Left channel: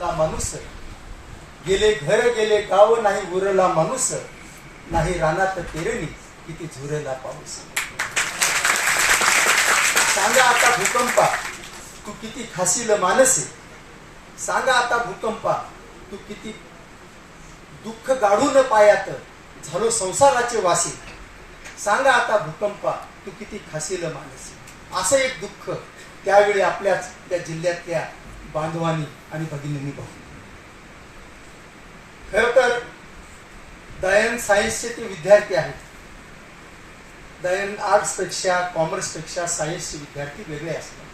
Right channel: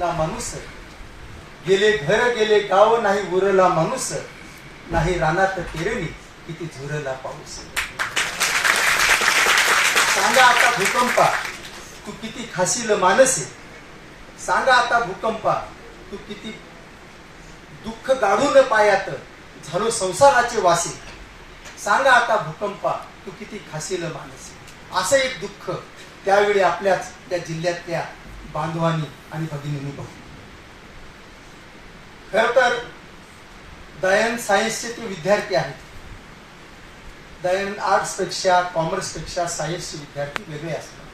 रानातला माणूस, गेले घर गेले गाव नाही उरला माणूस, नाही रानात पेरणी किती झुरला पाऊस. सांगा आता भूकंपा तू किती खाशील मानसे, सांगा आता भूकंपा तू किती दुःख गाडून पायात झालो संसाराचे वासी, सांगा आता भूकंपा तू किती खाशील मानसे. असं एक दुःख त्यावेळी आपल्याच त्या जिल्ह्यातल्या बांधवांनी आणि भगिनींनी बघितलं. खर तर दयन सायन्सचे ते विद्यार्थी आहेत. दयन आर्ट्स पेक्षा कॉमर्स पेक्षा सायन्सचे विद्यार्थी वेगळे असतात.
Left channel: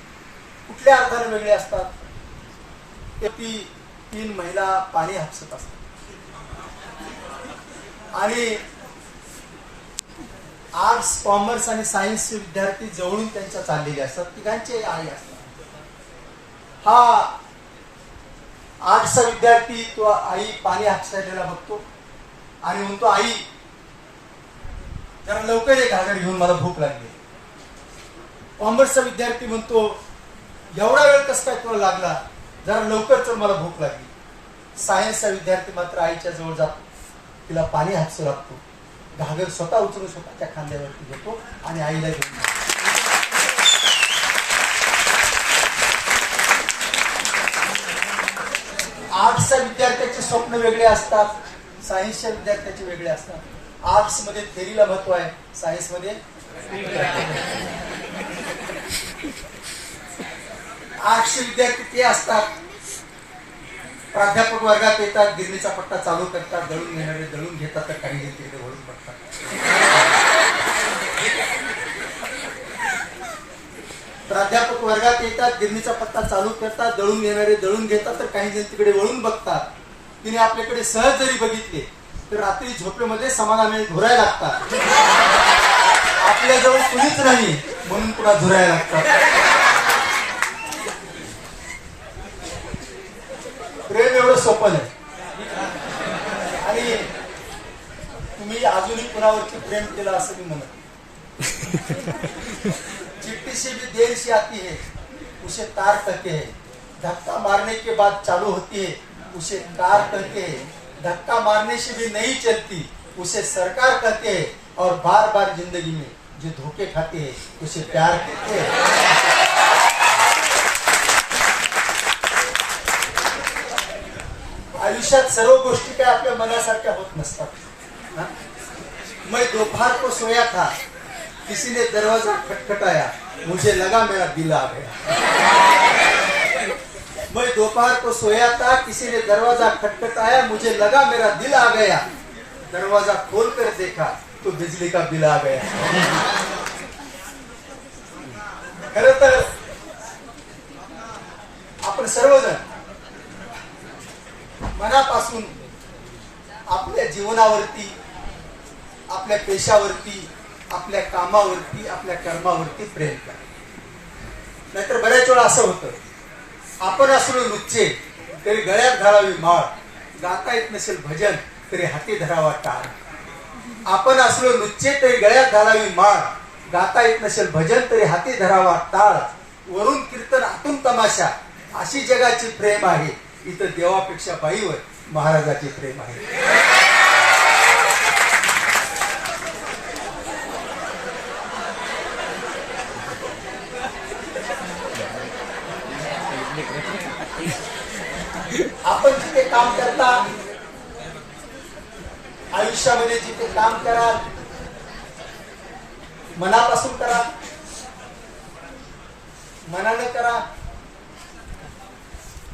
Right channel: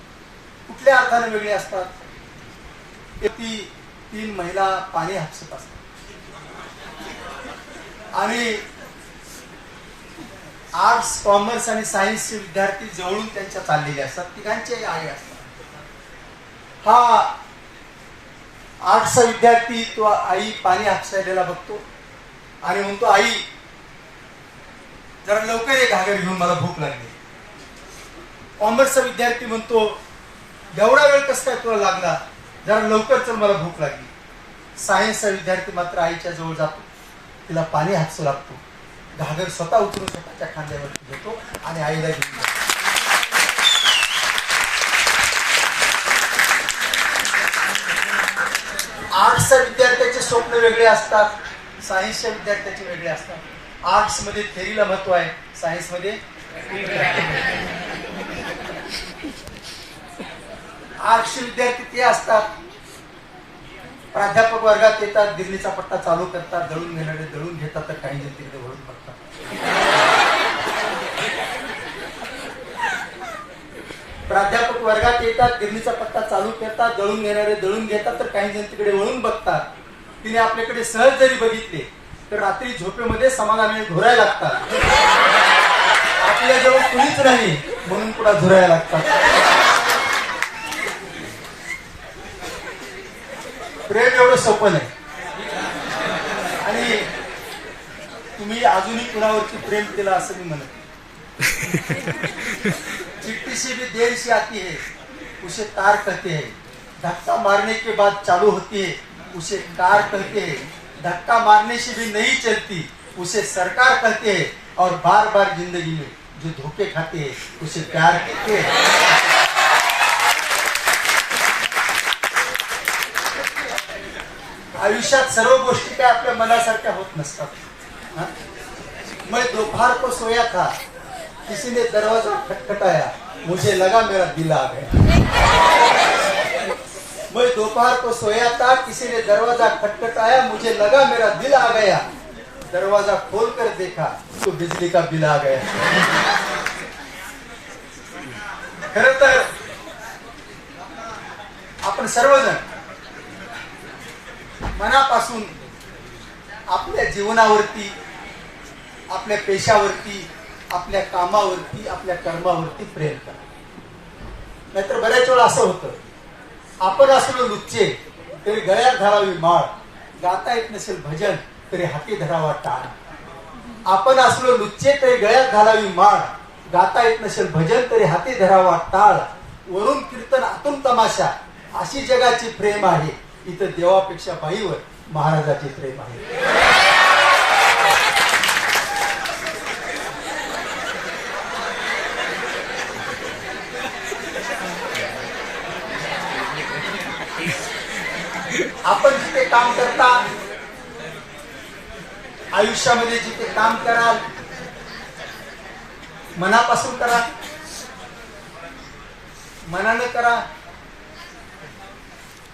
कुठल्या अर्थाने वेगळे असतात? ती 3 महिला पाणी हापसत असतात आणि आर्ट्स कॉमर्स आणि सायन्सचे विद्यार्थी जवळून त्यांच्या चाललेले असतात. तिघांचे आई असतात. हा आर्ट्सचा विद्यार्थी तो आई पाणी हापसायला बघतो आणि म्हणतो, आई जरा लवकर एक घागर घेऊन मला भूक लागली. कॉमर्सचा विद्यार्थी म्हणतो, एवढा वेळ कस काय तुला लागला, जरा लवकर चल मला भूक लागली. सायन्सचा विद्यार्थी मात्र आईच्या जवळ जातो, तिला पाणी हापसू लागतो, घागर स्वतः उचलून स्वतःच्या खांद्यावरती घेतो आणि आईला घेऊन जातो. आर्ट्सच्या विद्यार्थ्याचे स्वप्न वेगळे असतात, सायन्सच्या विद्यार्थ्याचे वेगळे असतात. आर्ट्स मध्ये थेरीला महत्व आहे, सायन्स मध्ये आर्ट्सचे विद्यार्थी ते असतात, प्राध्यापक वर्गात येतात, गिरणीचा पट्टा चालू करतात, दळून घेणारे दळून घेतात, तर काही तिकडे वळून बघतात. प्राध्यापक वर्गात येतात, गिरणीचा पट्टा चालू करतात, दळून घेणारे दळून घेतात, तर काही जण तिकडे वळून बघतात. तिने आपल्याकडे सहज जरी बघितले तर रात्री झोपेमध्ये समाधानाने झुरायला लागतात. आपल्याजवळ कुणीच नाही म्हणून तुला झुरायला लागतात. प्रेम एवढं सोपं नाही आणि तुम्ही अजूनही कुणावरती प्रेम केलं असं मी म्हणत. चिट्ठी से भी देर से आती है उसे तार कहते हैं, धक्का मारने के बाद चालू होती है उसे कार कहते हैं, धक्का मारने से भी नहीं चलती उसे सरकार कहते हैं, और बार बार जिंदगी में जो धोखे खाते हैं उसे प्यार कहते हैं. आयुष्यात सर्व गोष्टी काय आपल्या मनासारख्या होत नसतात. मैं दोपहर को सोया था, किसी ने दरवाजा खटखटाया, मुझे लगा मेरा दिल आ गया. मैं दोपहर को सोया था, किसी ने दरवाजा खटखटाया, मुझे लगा मेरा दिल आ गया. दरवाजा खोलकर देखा तो बिजली का बिल आ गया. खरं तर आपण सर्वजण मनापासून आपल्या जीवनावरती, आपल्या पेशावरती, आपल्या कामावरती, आपल्या कर्मावरती प्रेम करा. नाहीतर बऱ्याच वेळा असं होतं, आपण असलो लुच्चे तरी गळ्यात धरावी माळ, गाता येत नसेल भजन तरी हाती धरावा टाळ. आपण असलो लुच्चे तरी गळ्यात घालावी माळ, गाता येत नसेल भजन तरी हाती धरावा टाळ. वरून कीर्तन आतून तमाशा, अशी जगाची प्रेम आहे. इथं देवापेक्षा बाईवर महाराजाचे प्रेम आहे. आपण जिथे काम करता, आयुष्यामध्ये जिथे काम कराल, मनापासून करा, मनानं करा.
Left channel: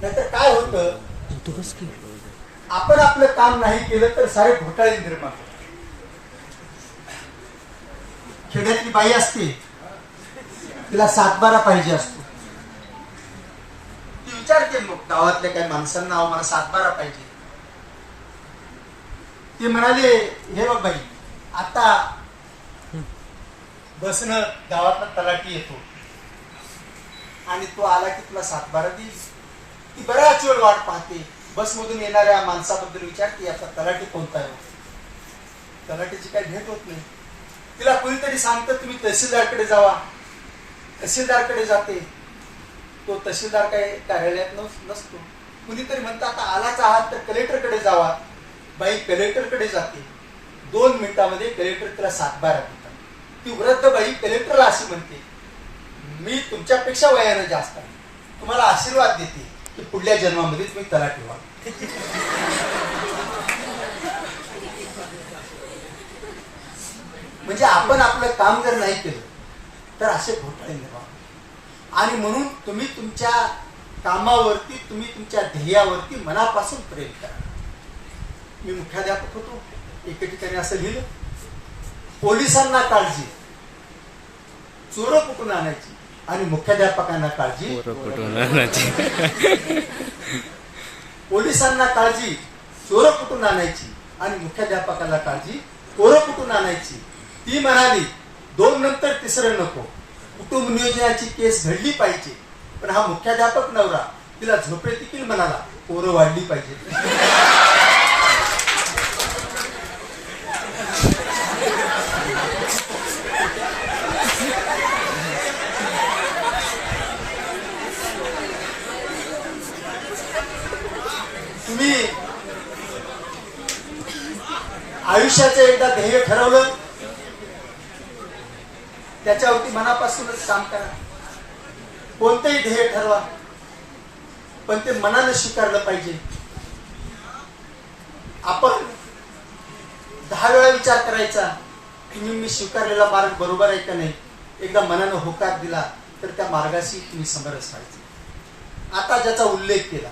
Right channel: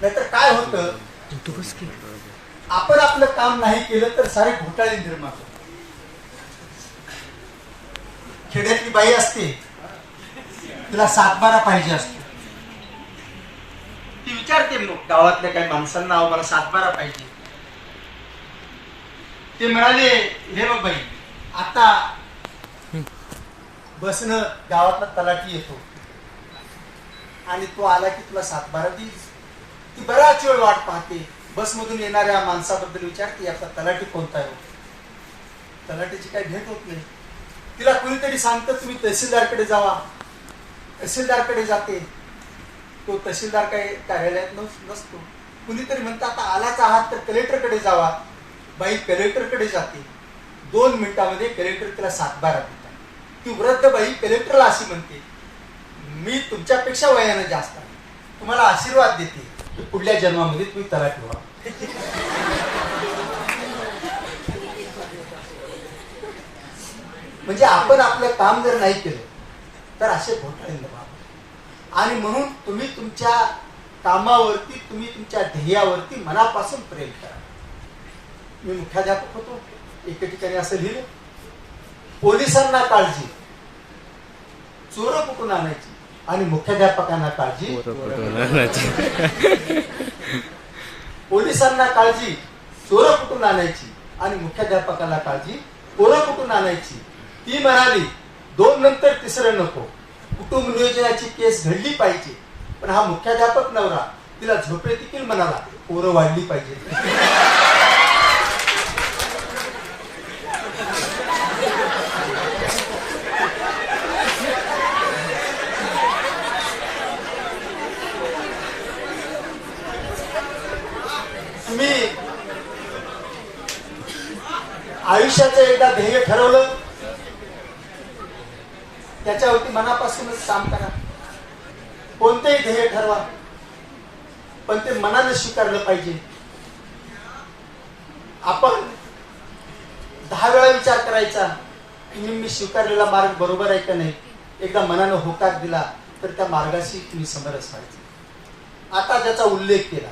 नाहीतर काय होतं, आपण आपलं काम नाही केलं तर सारे घोटाळे निर्माण होतात. खेड्यातली बाई असते, तिला 7-12 पाहिजे असतो. ती विचारते मग गावातल्या काही माणसांना, मला 7-12 पाहिजे. ते म्हणाले, हे बघ बाई, आता बसनं गावातला तलाठी येतो आणि तो आला की तुला 7-12 देईल. ती बराच वेळ वाट पाहते, बसमधून येणाऱ्या माणसाबद्दल विचारते, आता तलाठी कोणता आहे. तलाठीची काही भेट होत नाही. तिला कोणीतरी सांगतं, तुम्ही तहसीलदारकडे जावा. तहसीलदारकडे जाते. तो तहसीलदार काही कार्यालयात नसतो. कुणीतरी म्हणतात आता आलाच आहात तर कलेक्टरकडे जावा. बाई कलेक्टरकडे जाते. 2 मिनिटांमध्ये कलेक्टर तिला सातबारा देतात. ती वृद्ध बाई कलेक्टरला अशी म्हणते, मी तुमच्यापेक्षा वयानं जास्त आहे, तुम्हाला आशीर्वाद देते की पुढल्या जन्मामध्ये तुम्ही तलाठी व्हा. म्हणजे आपण आपलं काम जर नाही केलं तर असे घोटाळे निर्माण. आणि म्हणून तुम्ही तुमच्या कामावरती, तुम्ही तुमच्या ध्येयावरती मनापासून प्रेम करा. मी मुख्याध्यापक होतो, एके ठिकाणी असं लिहिलं, पोलिसांना काळजी चोर कुठून आणायची आणि मुख्याध्यापकांना काळजी कुठून आणायची. पोलिसांना काळजी चोर कुठून आणायची आणि मुख्याध्यापकाला काळजी पोरं कुठून आणायची. ती म्हणाली 2 नंतर तिसरं नको, कुटुंब नियोजनाची केस घडली पाहिजे. पण हा मुख्याध्यापक नवरा तिला झोपे देखील म्हणाला पोरं वाढली पाहिजे. तुम्ही आयुष्याचं एकदा ध्येय ठरवलं, त्याच्यावरती मनापासूनच काम करा. कोणतेही ध्येय ठरवा, पण ते मनानं स्वीकारलं पाहिजे. आपण 10 वेळा विचार करायचा की मी स्वीकारलेला मार्ग बरोबर आहे का नाही. एकदा मनानं होकार दिला तर त्या मार्गाशी तुम्ही समरस व्हायचे. आता ज्याचा उल्लेख केला,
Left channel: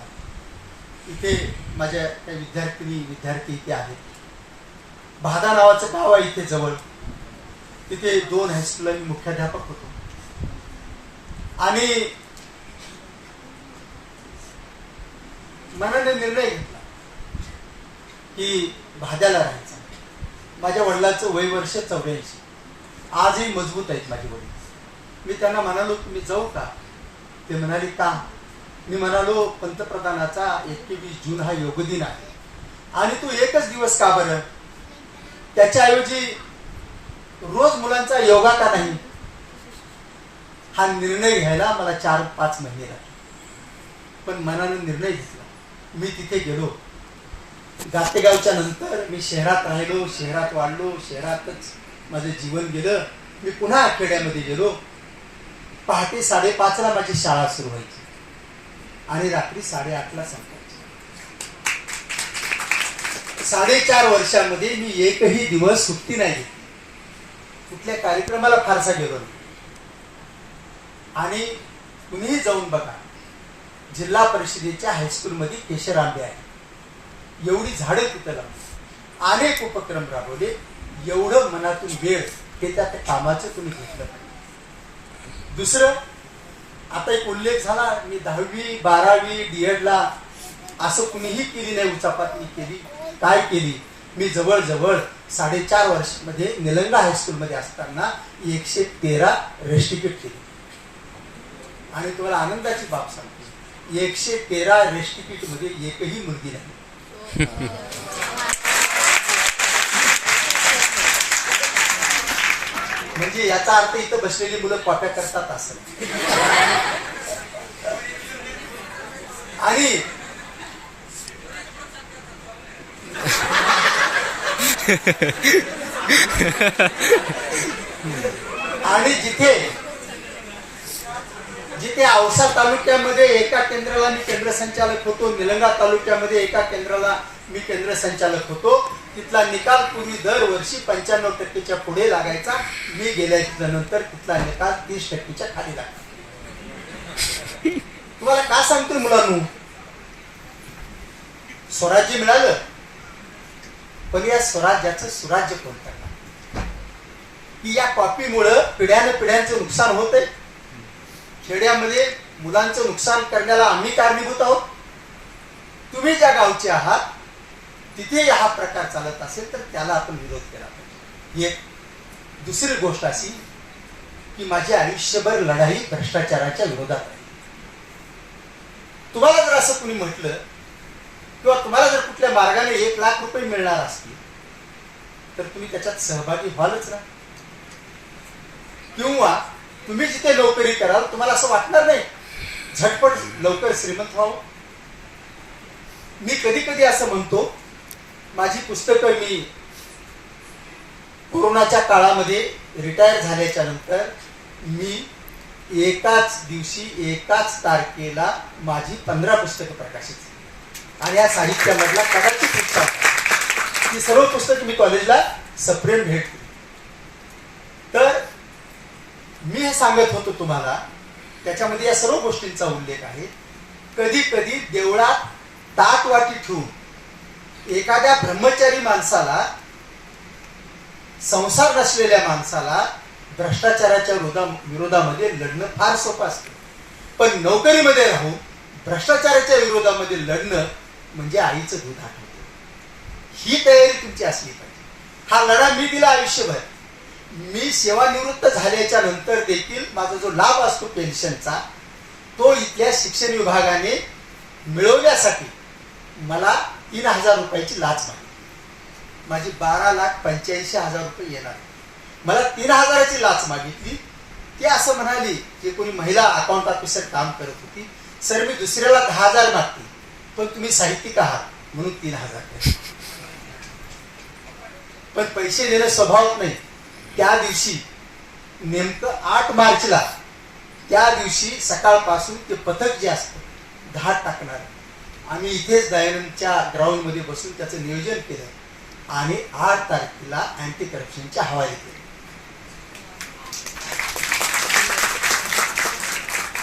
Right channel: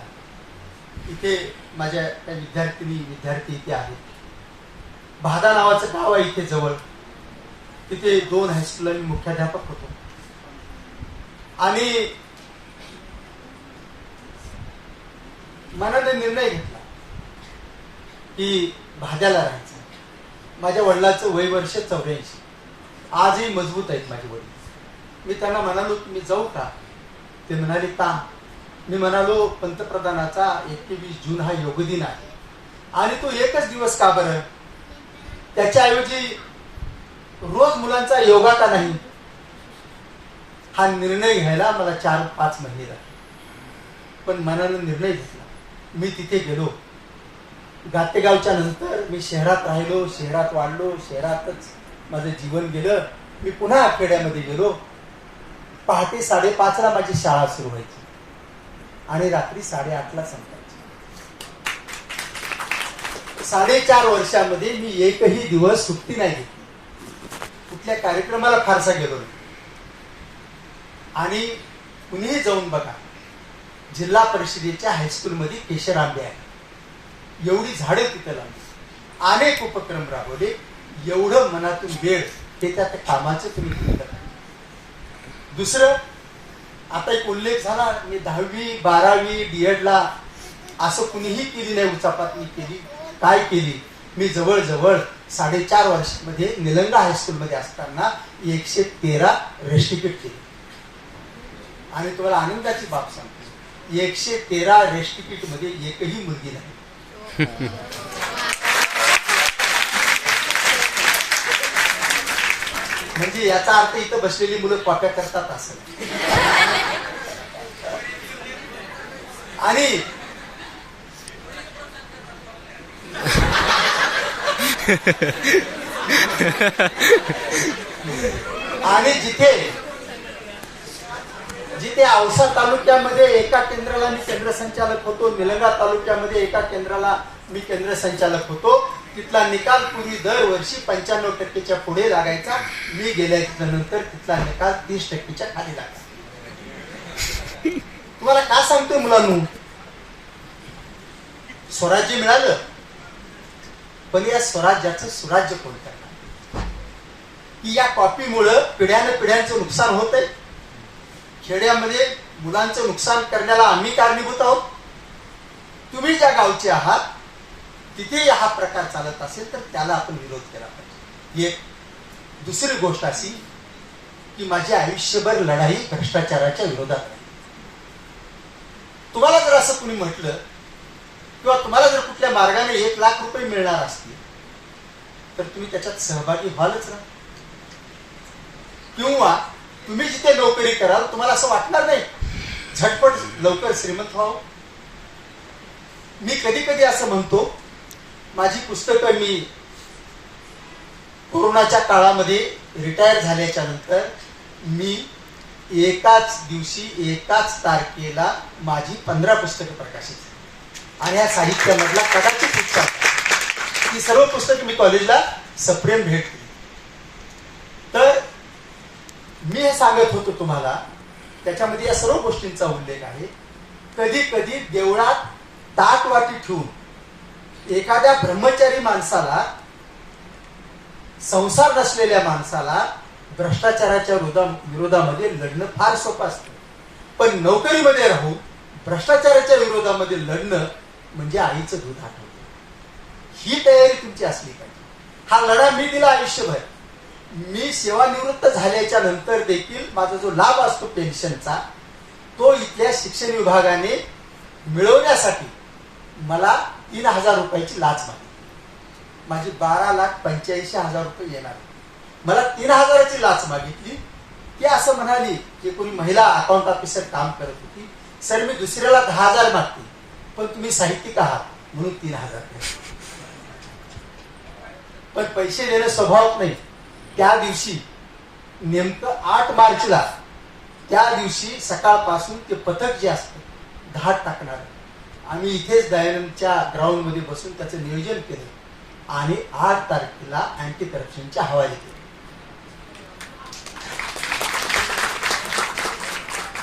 इथे माझ्या काही विद्यार्थी इथे आहेत. भादा नावाचं गाव आहे इथे जवळ. तिथे 2 हायस्कूलला मी मुख्याध्यापक होतो. आणि मनाने निर्णय घेतला की भाद्याला राहायचं. माझ्या वडिलांचं वय वर्ष 84. आजही मजबूत आहेत माझे वडील. मी त्यांना म्हणालो तुम्ही जाऊ का. ते म्हणाले का. मी म्हणालो पंतप्रधानाचा 21 जून हा योग दिन आहे आणि तो एकच दिवस का बरं. त्याच्याऐवजी रोज मुलांचा योगा का नाही. हा निर्णय घ्यायला मला 4-5 महिने लागले. पण मनाने निर्णय घेतला. मी तिथे गेलो. गातेगावच्या नंतर मी शहरात राहिलो, शहरात वाढलो, शहरातच माझं जीवन गेलं. मी पुन्हा खेड्यामध्ये गेलो. पहाटे 5:30ला माझी शाळा सुरू व्हायची आणि रात्री 8:30ला संपायची. 4.5 वर्षामध्ये मी एकही दिवस सुट्टी नाही घेतली. कुठल्या कार्यक्रमाला फारसा गेलो नाही. आणि कुणीही जाऊन बघा, जिल्हा परिषदेच्या हायस्कूलमध्ये केशर आंबे आहे, एवढी झाडं तिथं लावली, अनेक उपक्रम राबवले. एवढं मनातून वेळ हे त्या कामाचं तुम्ही घेतलं. दुसरं, आता एक उल्लेख झाला, मी 10वी 12वी डीएडला असं कुणीही केली नाही, उचापातली केली. काय केली. मी जवळजवळ 4.5 वर्षामध्ये निलंगा हायस्कूलमध्ये असताना 113 रेस्टिकेट केली. आणि तुम्हाला आनंदाची बाब सांगतो, 113 रेस्टिकेट मध्ये एकही मुलगी नाही. म्हणजे याचा अर्थ इथं बसलेली मुलं कॉप्या करतात असं. आणि आणि जिथे औसा तालुक्यामध्ये एका केंद्राला मी केंद्र संचालक होतो, निलंगा तालुक्यामध्ये एका केंद्राला मी केंद्र संचालक होतो, तिथला निकाल पूर्वी दरवर्षी 95% पुढे लागायचा. मी गेल्यानंतर तिथला निकाल 30% खाली लागला. तुम्हाला का सांगतोय मुलांनो, स्वराज्य मिळालं, पण या स्वराज्याचं सुराज्य कोण करणार. की या कॉपीमुळं पिढ्यानपिढ्यांचं नुकसान होतंय. खेड्यामध्ये मुलांचं नुकसान करण्याला आम्ही कारणीभूत आहोत. तुम्ही ज्या गावचे आहात तिथे हा प्रकार चालत असेल तर त्याला आपण विरोध केला पाहिजे. एक दुसरी गोष्ट अशी की माझी आयुष्यभर लढाई भ्रष्टाचाराच्या विरोधात. तुम्हाला जर असं कुणी म्हटलं किंवा तुम्हाला जर कुठल्या मार्गाने 1 लाख रुपये मिळणार असतील तर तुम्ही त्याच्यात सहभागी व्हालच ना. किंवा तुम्ही जिथे नोकरी कराल तुम्हाला असं वाटणार नाही झटपट लवकर श्रीमंत व्हावं. मी कधी कधी असं म्हणतो, माझी पुस्तकं मी कोरोनाच्या काळामध्ये रिटायर झाल्याच्या नंतर मी एकाच दिवशी एकाच तारखेला माझी 15 पुस्तकं प्रकाशित झाली. आणि या साहित्यामधला कदाचित उत्साह ही सर्व पुस्तकं मी कॉलेजला सप्रेम भेट दिली. तर मी हे सांगत होतो तुम्हाला, त्याच्यामध्ये या सर्व गोष्टींचा उल्लेख आहे. कधी कधी देवळात ताटवाटी ठेवून एखाद्या ब्रह्मचारी माणसाला, संसार नसलेल्या माणसाला भ्रष्टाचाराच्या विरोधामध्ये लढणं फार सोपं असतं. पण नोकरीमध्ये राहून भ्रष्टाचाराच्या विरोधामध्ये लढणं म्हणजे आईचं दूध आठवतं. ही तयारी तुमची असली पाहिजे. हा लढा मी दिला आयुष्यभर. मी सेवानिवृत्त झाल्याच्या नंतर देखील माझा जो लाभ असतो पेन्शनचा, तो इथल्या शिक्षण विभागाने मिळवण्यासाठी मला 3,000 रुपयाची लाच मागितली. माझी 12,85,000 रुपये येणार. मला 3,000ची लाच मागितली. ती असं म्हणाली की कोणी महिला अकाउंट ऑफिसर काम करत होती, सर मी दुसऱ्याला 10,000 मागते, पण तुम्ही साहित्यिक आहात म्हणून 3,000. पण पैसे देणं स्वभावात नाही. त्या दिवशी नेमकं 8 मार्चला, त्या दिवशी सकाळपासून ते पथक जे असतं धाड टाकणार, आम्ही इथेच दयानंदच्या ग्राउंड मध्ये बसून त्याचं नियोजन केलं आणि 8 तारखेला अँटी करप्शनच्या हवाले केले.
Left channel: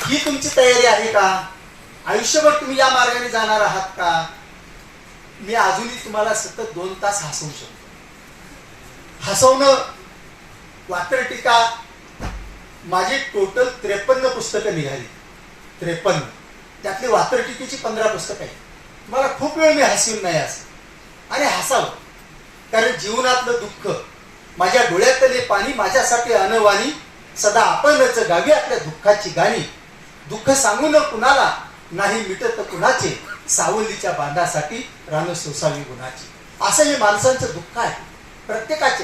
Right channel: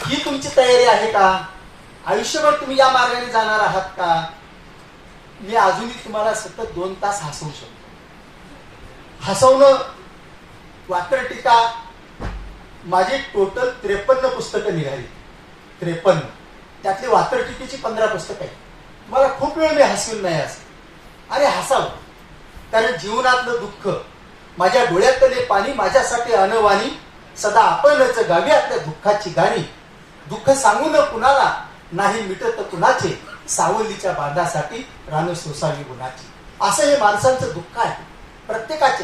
ही तुमची तयारी आहे का? आयुष्यभर तुम्ही या मार्गाने जाणार आहात का? मी अजूनही तुम्हाला सतत 2 तास हसवू शकतो. हसवणं, वात्रटिका, माझी टोटल 53 पुस्तकं निघाली. 53. त्यातली वात्रटिकेची 15 पुस्तकं आहेत. मला खूप वेळ मी हसवून नाही असं, आणि हसावं, कारण जीवनातलं दुःख, माझ्या डोळ्यातले पाणी माझ्यासाठी अनवाणी, सदा आपणच गावी आपल्या दुःखाची गाणी. दुःख सांगू न कुणाला, नाही मिटत कुणाचे, सावलीच्या बांधासाठी रान सोसावी गुणाची. असं हे माणसांचं दुःख आहे प्रत्येकाचे.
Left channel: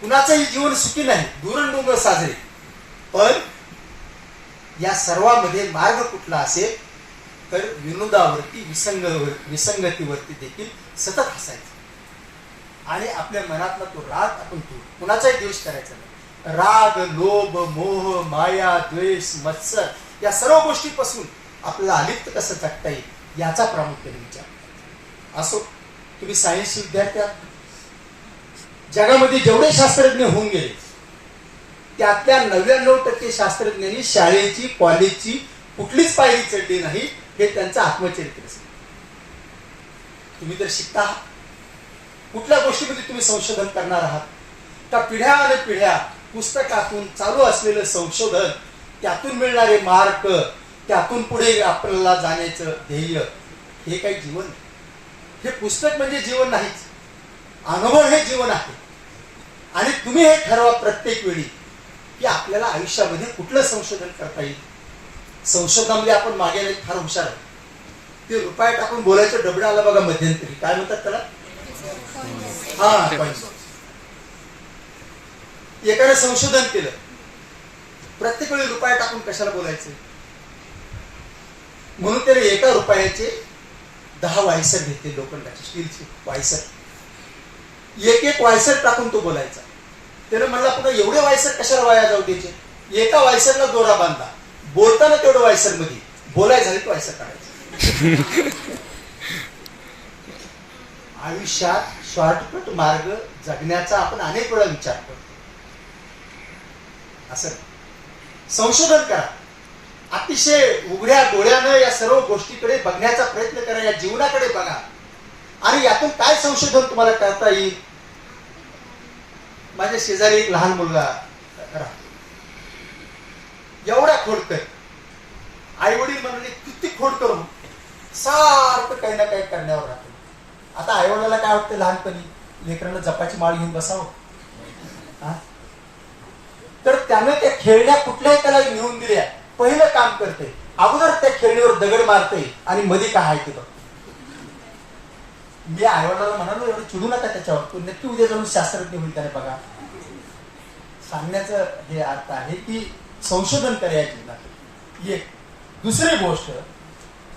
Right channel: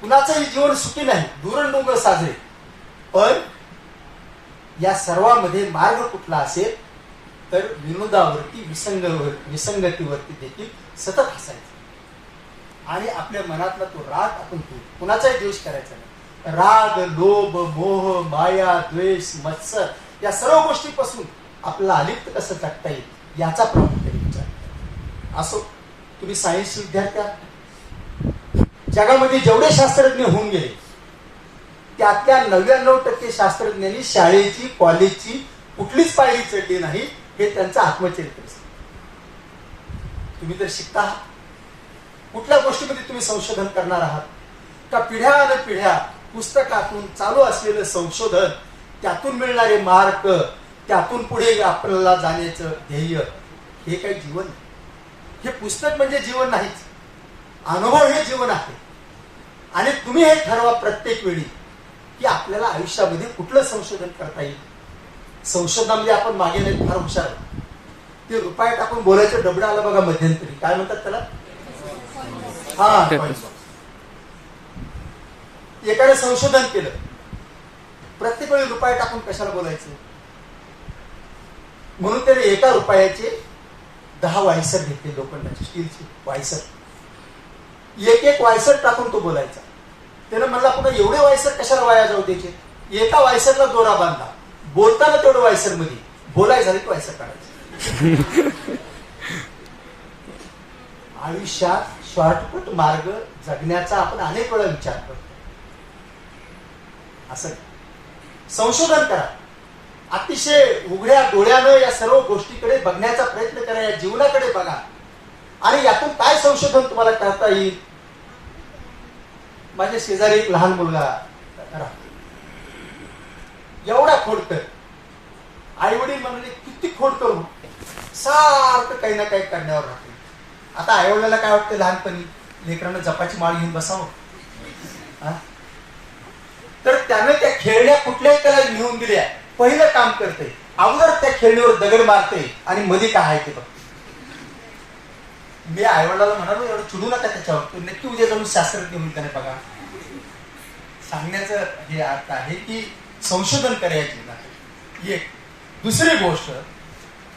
कुणाचंही जीवन सुखी नाही, दूरडोंगर साजरे. पण या सर्वांमध्ये मार्ग कुठला असेल तर विनोदावरती, विसंगतीवरती देखील सतत हसायचं आणि आपल्या मनातला तो राग आपण कुणाचाही द्वेष करायचा नाही. राग, लोभ, मोह, माया, द्वेष, मत्सर या सर्व गोष्टीपासून आपल्याला अलिप्त कसं जगता येईल याचा प्रामुख्याने विचार असो. तुम्ही सायन्सचे विद्यार्थी आहात. जगामध्ये जेवढे शास्त्रज्ञ होऊन गेले त्यातल्या 99% शास्त्रज्ञांनी शाळेची, कॉलेजची कुठलीच पायरी चढली नाही. हे त्यांचं आत्मचरित्र. तुम्ही तर शिकता आहात. कुठल्या गोष्टीमध्ये तुम्ही संशोधन करणार आहात का? पिढ्या पिढ्या पुस्तकातून चालू असलेलं संशोधन, त्यातून मिळणारे मार्क, त्यातून पुढे आपल्याला जाण्याचं ध्येय, हे काही जीवन नाही. हे पुस्तक म्हणजे जीवन नाहीच. अनुभव हे जीवन आहे. आणि तुम्ही हे ठरवा प्रत्येक वेळी की आपल्याला आयुष्यामध्ये कुठलं संशोधन करता येईल. संशोधनामध्ये आपण मागे नाही, फार हुशार आहोत. ते रुपये टाकून बोलायचं डबडं आलं बघा मध्यंतरी, काय म्हणतात त्याला? एकाने संशोधन केलं, प्रत्येक वेळी रुपये टाकून कशाला बोलायचं, म्हणून त्याने 1 रुपयाचे 10 वायसर घेतले, लोखंडाचे, स्टीलचे वायसर. एक वायसर टाकून तो बोलायचा. त्याने म्हणला पुन्हा एवढे वायसर कशाला वाया जाऊ द्यायचे. एका वायसरला दोरा बांधला, बोलताना तेवढं वायसर मध्ये, बोलाय झाली की वायसर काढायचं. आयुष्यात शॉर्टकट मार्ग जगण्याचा आपण अनेक वेळा विचार करतो. असं संशोधन करा. अतिशय उघड्या डोळ्यानं या सर्व गोष्टीकडे बघण्याचा प्रयत्न करा. या जीवनाकडे बघा आणि यातून काय संशोधन तुम्हाला करता येईल. माझ्या शेजारी एक लहान मुलगा राहतो, एवढा खोडकर. आई वडील म्हणाले किती खोडकर, सारखं काही ना काही करण्यावर राहतो. आता आई वडिलांना काय वाटतं, लहानपणी लेकरांना जपाची माळ घेऊन बसावं. तर त्याने त्या खेळण्या कुठल्याही कला लिहून दिल्या. पहिलं काम करते, अगोदर त्या खेळणीवर दगड मारते आणि मध्ये काय आहे ते बघते. मी आईवडिलाला म्हणालो एवढं चिडू नका त्याच्यावर, तो नक्की उद्या जाऊन शास्त्रज्ञ होईल त्याने. बघा, सांगण्याचं हे अर्थ आहे की संशोधन करायची. एक दुसरी गोष्ट,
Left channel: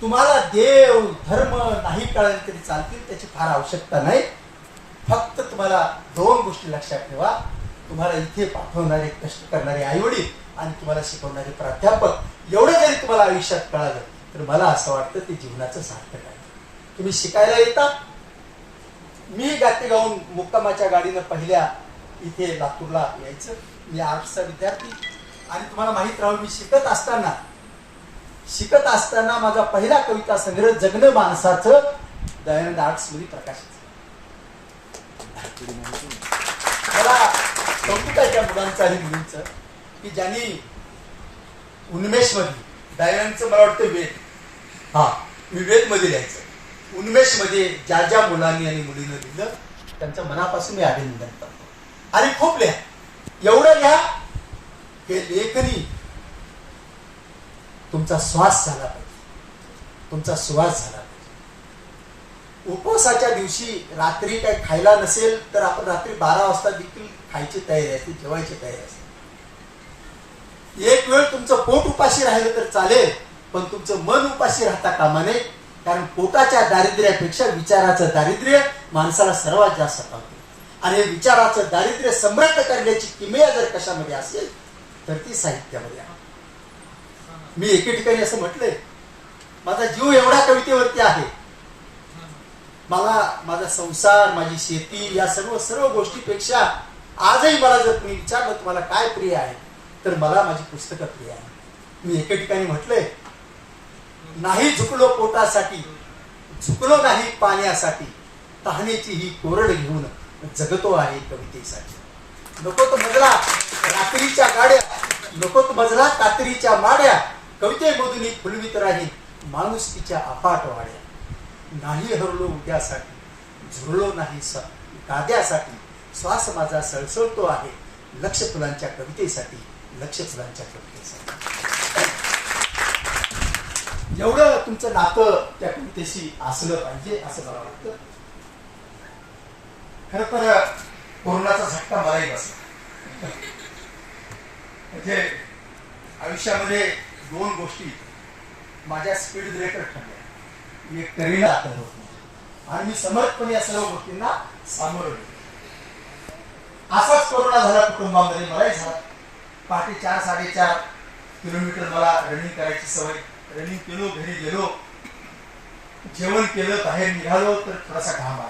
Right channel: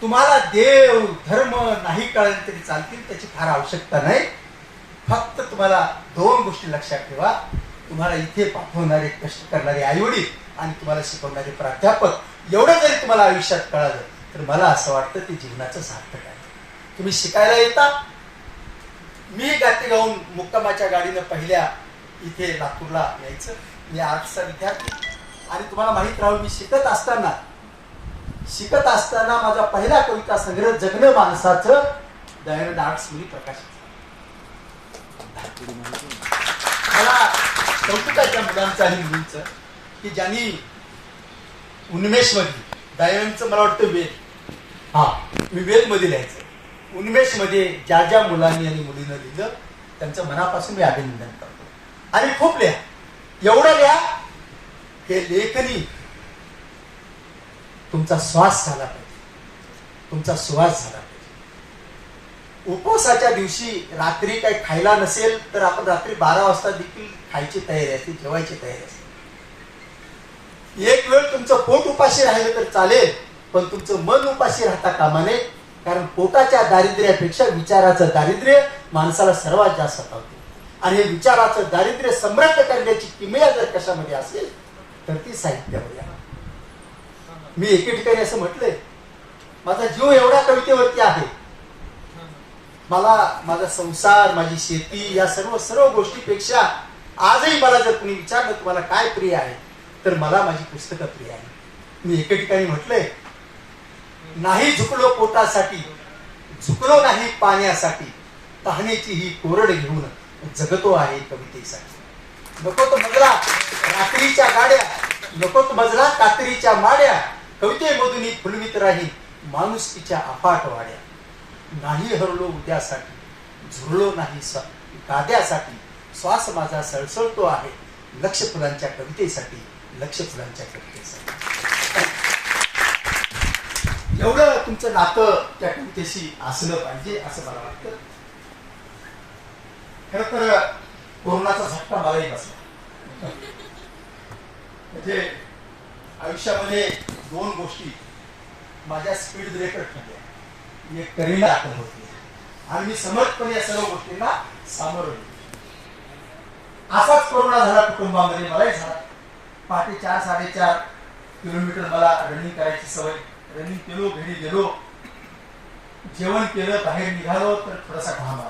तुम्हाला देव धर्म नाही कळले तरी चालतील, त्याची फार आवश्यकता नाही. फक्त तुम्हाला दोन गोष्टी लक्षात ठेवा. तुम्हाला इथे पाठवणारे कष्ट करणारे आईवडील आणि तुम्हाला शिकवणारे प्राध्यापक एवढं जरी तुम्हाला आयुष्यात कळालं तर मला असं वाटतं ते जीवनाचं सार्थक आहे. तुम्ही शिकायला येता. मी गाते गाऊन मुक्कामाच्या गाडीनं पहिल्या इथे लातूरला यायचं. मी आर्ट्सचा विद्यार्थी आणि तुम्हाला माहित राहून मी शिकत असताना माझा पहिला कविता संग्रह जगणं माणसाचं दयानंद आर्ट्समध्ये प्रकाशित. मला कौतुकाच्या मुलांचं आणि मुलींचं की ज्यांनी उन्मेष मध्ये दयानंदचं मला वाटतं वेद मी वेद मध्ये लिहायचं. उन्मेष मध्ये ज्या ज्या मुलांनी आणि मुलीनं लिहिलं त्यांचं मनापासून मी अभिनंदन करतो. आणि खूप लिहा, एवढं लिहा हे लेखनी तुमचा श्वास झाला पाहिजे, तुमचा सुवास झाला पाहिजे. उपवासाच्या दिवशी रात्री काही खायला नसेल तर आपण रात्री 12 वाजता देखील खायची तयारी असते, जेवायची तयारी असते. एक वेळ तुमचं पोट उपाशी राहिलं तर चालेल, पण तुमचं मन उपाशी राहता कामा नये. कारण पोटाच्या दारिद्र्यापेक्षा विचाराचं दारिद्र्य माणसाला सर्वात जास्त सतावते. आणि हे विचाराचं दारिद्र्य समृद्ध करण्याची किमया जर कशामध्ये असेल तर ती साहित्यामध्ये आहे. मी एके ठिकाणी असं म्हटलंय, माझा जीव एवढा कवितेवरती आहे. मला माझा संसार, माझी शेती या सर्व गोष्टीपेक्षा आजही मला जर तुम्ही विचारलं तुम्हाला काय प्रिय आहे तर मला माझी पुस्तकं प्रिय आहे. मी एके ठिकाणी म्हटलंय, नाही झुकलो पोटासाठी, झुकलो नाही पाण्यासाठी, तहानेची ही कोरड घेऊन जगतो आहे कवितेसाठी. नको तो मजला रात्रीच्या गाड्या, नको तो मजला कात्रीच्या माड्या, कवितेमधून ही फुलवीत राहील माणुसकीच्या अफाट वाड्या. नाही हरलो उद्यासाठी, झुरलो नाही गाद्यासाठी, श्वास माझा सळसळतो आहे लक्ष फुलांच्या कवितेसाठी, लक्ष फुलांच्या कवितेसाठी. एवढं तुमचं नातं त्या कवितेशी असलं पाहिजे असं मला वाटतं. खर तर कोरोनाचा झटका मलाही बसला. म्हणजे आयुष्यामध्ये दोन गोष्टी माझ्या स्पीड ब्रेकर ठरल्या. एक करीला दाखल होती आणि मी समर्थपणे या सर्व गोष्टींना सामोरं गेलो. असाच कोरोना झाला कुटुंबामध्ये, मलाही झाला. पहाटे 4-4.5 किलोमीटर मला रनिंग करायची सवय. रनिंग केलो, घरी गेलो, जेवण केलं, बाहेर निघालो तर थोडासा घाम आला,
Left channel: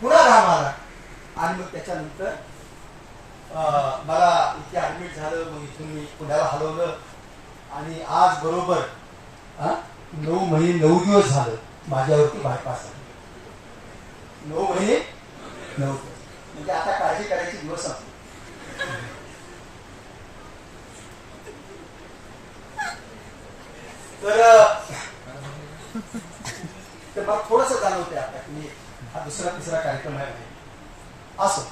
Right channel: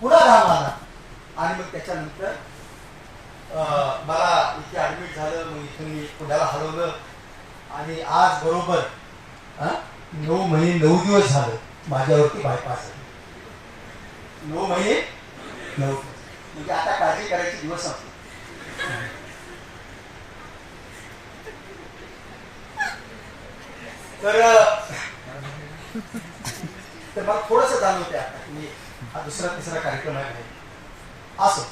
पुन्हा घाम आला आणि मग त्याच्यानंतर मला इथे ऍडमिट झालं. मग इथून मी पुण्याला हलवलं आणि आज बरोबर 9 महिने 9 दिवस झालं माझ्यावरती बायपास आहे. 9 महिने 9 दिवस म्हणजे आता काळजी करायची दिवस संपले. तर मला थोडस जाणवते आता की हा दुसरा-तिसरा कार्यक्रम आहे. असो,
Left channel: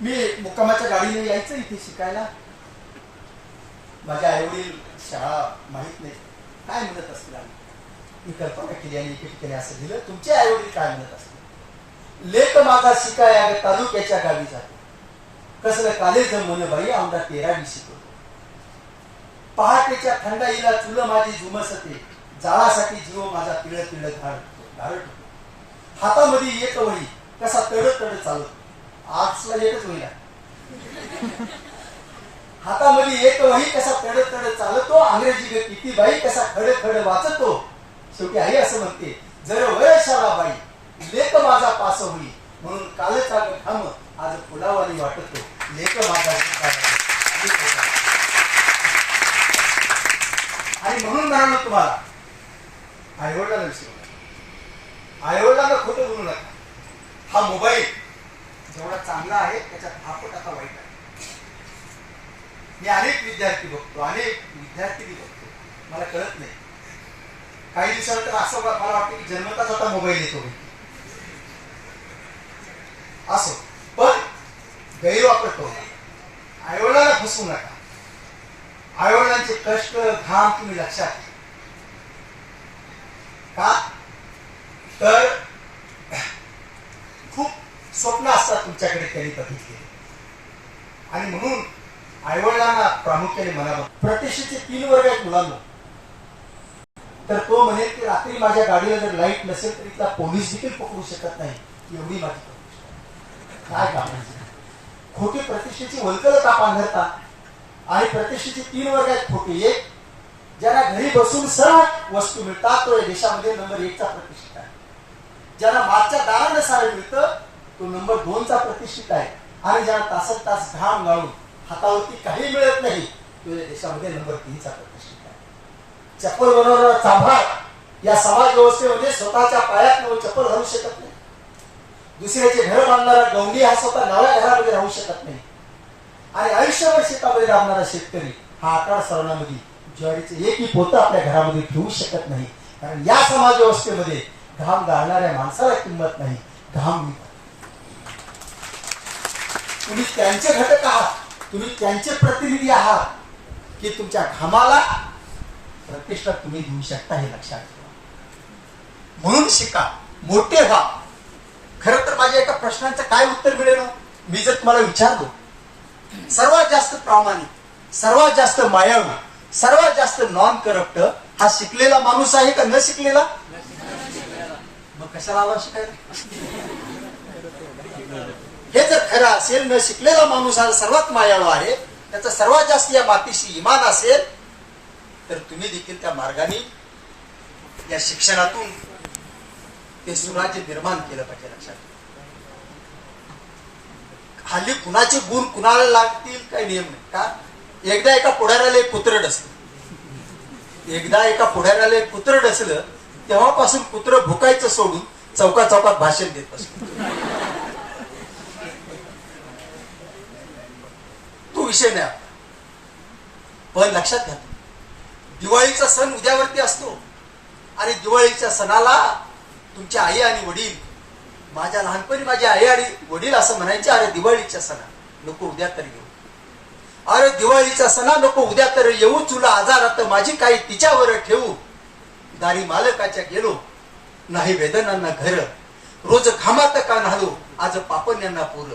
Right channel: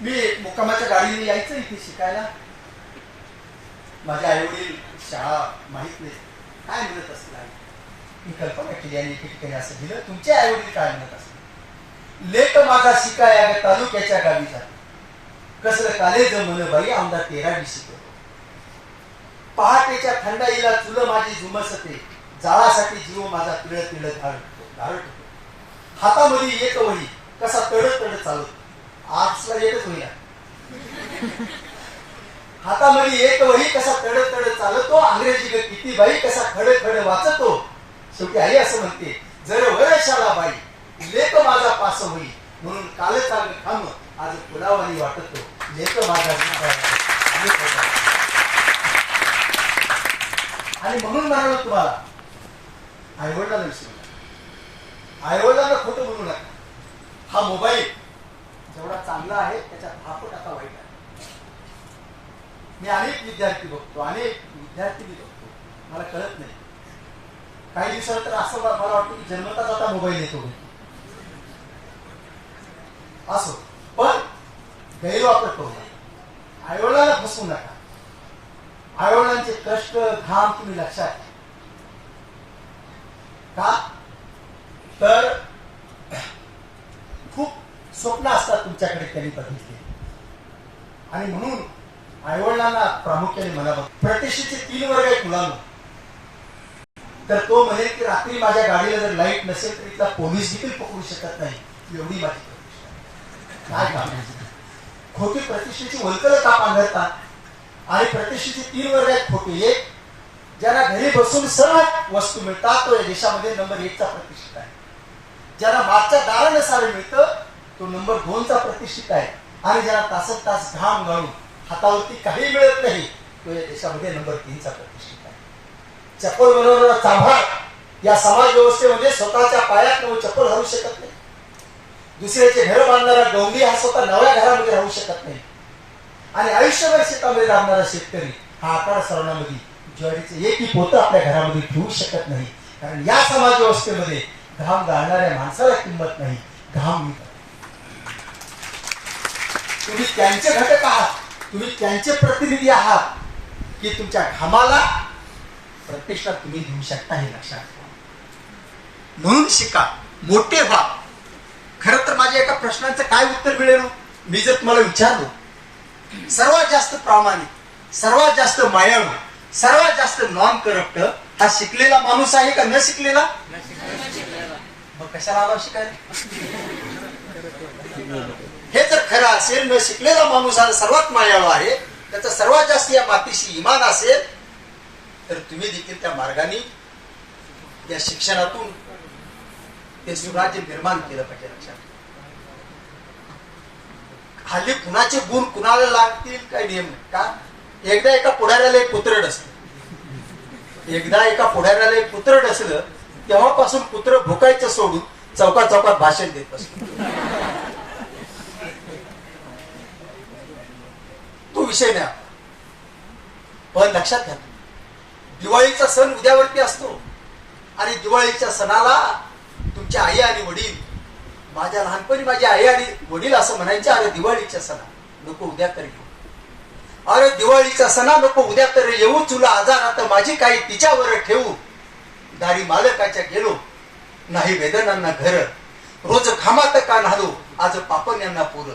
मी मुक्कामाच्या गाडीने यायचं इथे शिकायला. माझ्या आईवडील शाळा माहित नाही काय म्हणत असतील, मी कल्पना केली आणि एके ठिकाणी असं दिलं. तुमचे आईवडील काय म्हणत असतील, लेक माझा शिकाया तालुक्याच्या गावी जातो, कसलं कालेज मन बाई आमदा 13वी शिकवतो. पहाटेच्या थंडाईला चुल माझी जुमसते, जाळासाठी जीव माझा पिळ पिळ घालतो. हातामध्ये एक वही कसा तड तड चालतो. आर्ट्सला एकच वही आहे. हातामध्ये एक वही कसा तड तड चालतो, अंग्रेजी किती बाई कसा खड खड वाचतो. शेवटी आई असं म्हणते, जर वयशाला बाई लेक माझा पास होई, म्हणून कालचा खाम आज फुलावानी वाटतो, लेक माझा. आणि म्हणून म्हणालो तुम्हाला, आईवडिलांना विसरू नका, आईवडिलांना खोटं बोलू नका. हा मोबाईल जेवढा चांगला आहे त्याच्यात 10 पट आता वाईट आहे. मी अनेक विद्यार्थी बघतो, अनेक विद्यार्थी बघतो, मला कळत नाही. काही दिवसात तर असं मला वाटतं की जन्मताच आता मोबाईल येतो. असो, पण गैरवापर करू नका, आईवडिलांना फसवू नका. आईवडिलांचे कष्ट घाम तुम्ही लक्षात घ्या. का तर खूप स्वप्न असतात तुमच्याकडे त्यांनी बघितले. आणि म्हणून आईवडिलांना प्रामुख्याने म्हणावं, प्रतिष्ठेचे 3 वर्ग आहेत मुलांना. तर तो म्हणेल की रात्री माझ्या गाडीला जर लाईट नसेल तर इथला पोलीस देखील पकडू शकत नाही, एवढी माझी प्रतिष्ठा. काय काम? खोटी प्रतिष्ठेची वलकल का पांघरता? आणि प्रतिष्ठेची 3 वर्ग आहेत खोटी. एक, ज्यांना घरी बसून सर्व वस्तू मिळतात तो या देशामध्ये नंबर 1चा प्रतिष्ठित आहे. ज्यांना मागच्या दारानं सारं मिळतं तो नंबर 2चा प्रतिष्ठित आहे. आणि ज्यांना तासन तास घाम गाळून हातावरती काही मिळत नाही तो या देशामध्ये नंबर 3चा प्रतिष्ठित आहे. चप्पल बनवणारा चांभार या समाज व्यवस्थेमध्ये स्वतःच्या पायात चप्पल घालू शकत नाही. दुसऱ्याचे घर बांधणारा गवंडी हा स्वतः नव्या घरामध्ये राहू शकत नाही. आणि आयुष्यभर शेतामध्ये राहणारा शेतकरी हा 11 सरणामध्ये ज्वारीचे एकही पोतं आपल्या घरामध्ये ठेवू शकत नाही. कारण या समाज व्यवस्थेमध्ये घाम गाळणाऱ्या माणसाला किंमत नाही, घाम. तुम्ही त्यांचे घटक आहात, तुम्ही त्यांचे प्रतिनिधी आहात की तुमच्या घामाला प्रतिष्ठा तुम्ही घेऊ शकता, हे लक्षात ठेवा. म्हणून शिका, मोठे व्हा. खरं तर माझ्या एका प्रश्नाचं काय उत्तर मिळेल मी जर तुम्हाला विचारलो, सर्वात जास्त प्रामाणिक, सर्वात जास्त मायाळू, सर्वात जास्त नॉन करप्ट हा शिकलेला माणूस आहे का न शिकलेला? मग कशाला आला शिकायला? हे जर खरं असेल, न शिकलेला माणूस हा सर्वात मायाळू आहे, त्याचं सर्वात जास्त या मातीशी इमान असेल, तर तुम्ही देखील त्या मार्गाने या शिक्षणातून ते सुराज्य निर्माण केलं पाहिजे. लक्षात. हल्ली कुणाचे गुण कुणाला लागतील काय नियम नाही का? एकदा एका पुढाऱ्याला एक कुत्रं डसलं, एकदा एका पुढाऱ्याला एक कुत्रं डसलं, तेव्हापासून कुत्रं भुकायचं सोडून चौकात चौकात भाषण देत असतो. तो विषय नाही. पण लक्षात घ्या, दिवाळीचा सण उद्यावरती असतो आणि दिवाळीच्या सणाला तुमच्या आई आणि वडील, माझ्या लहानपणी माझी आई आणि वडील असं म्हणायचे, अरे दिवाळीच्या सणा नको उद्या तरी येऊ, अरे दिवाळीचा सणा नको उद्या तरी येऊ, तुला आजारात माझी काही तिच्यावर ठेवू, दारी मालकाच्या गेलो नाही वेदनांना घर, रोज घामात का नालो आज पापण्यांना पोर,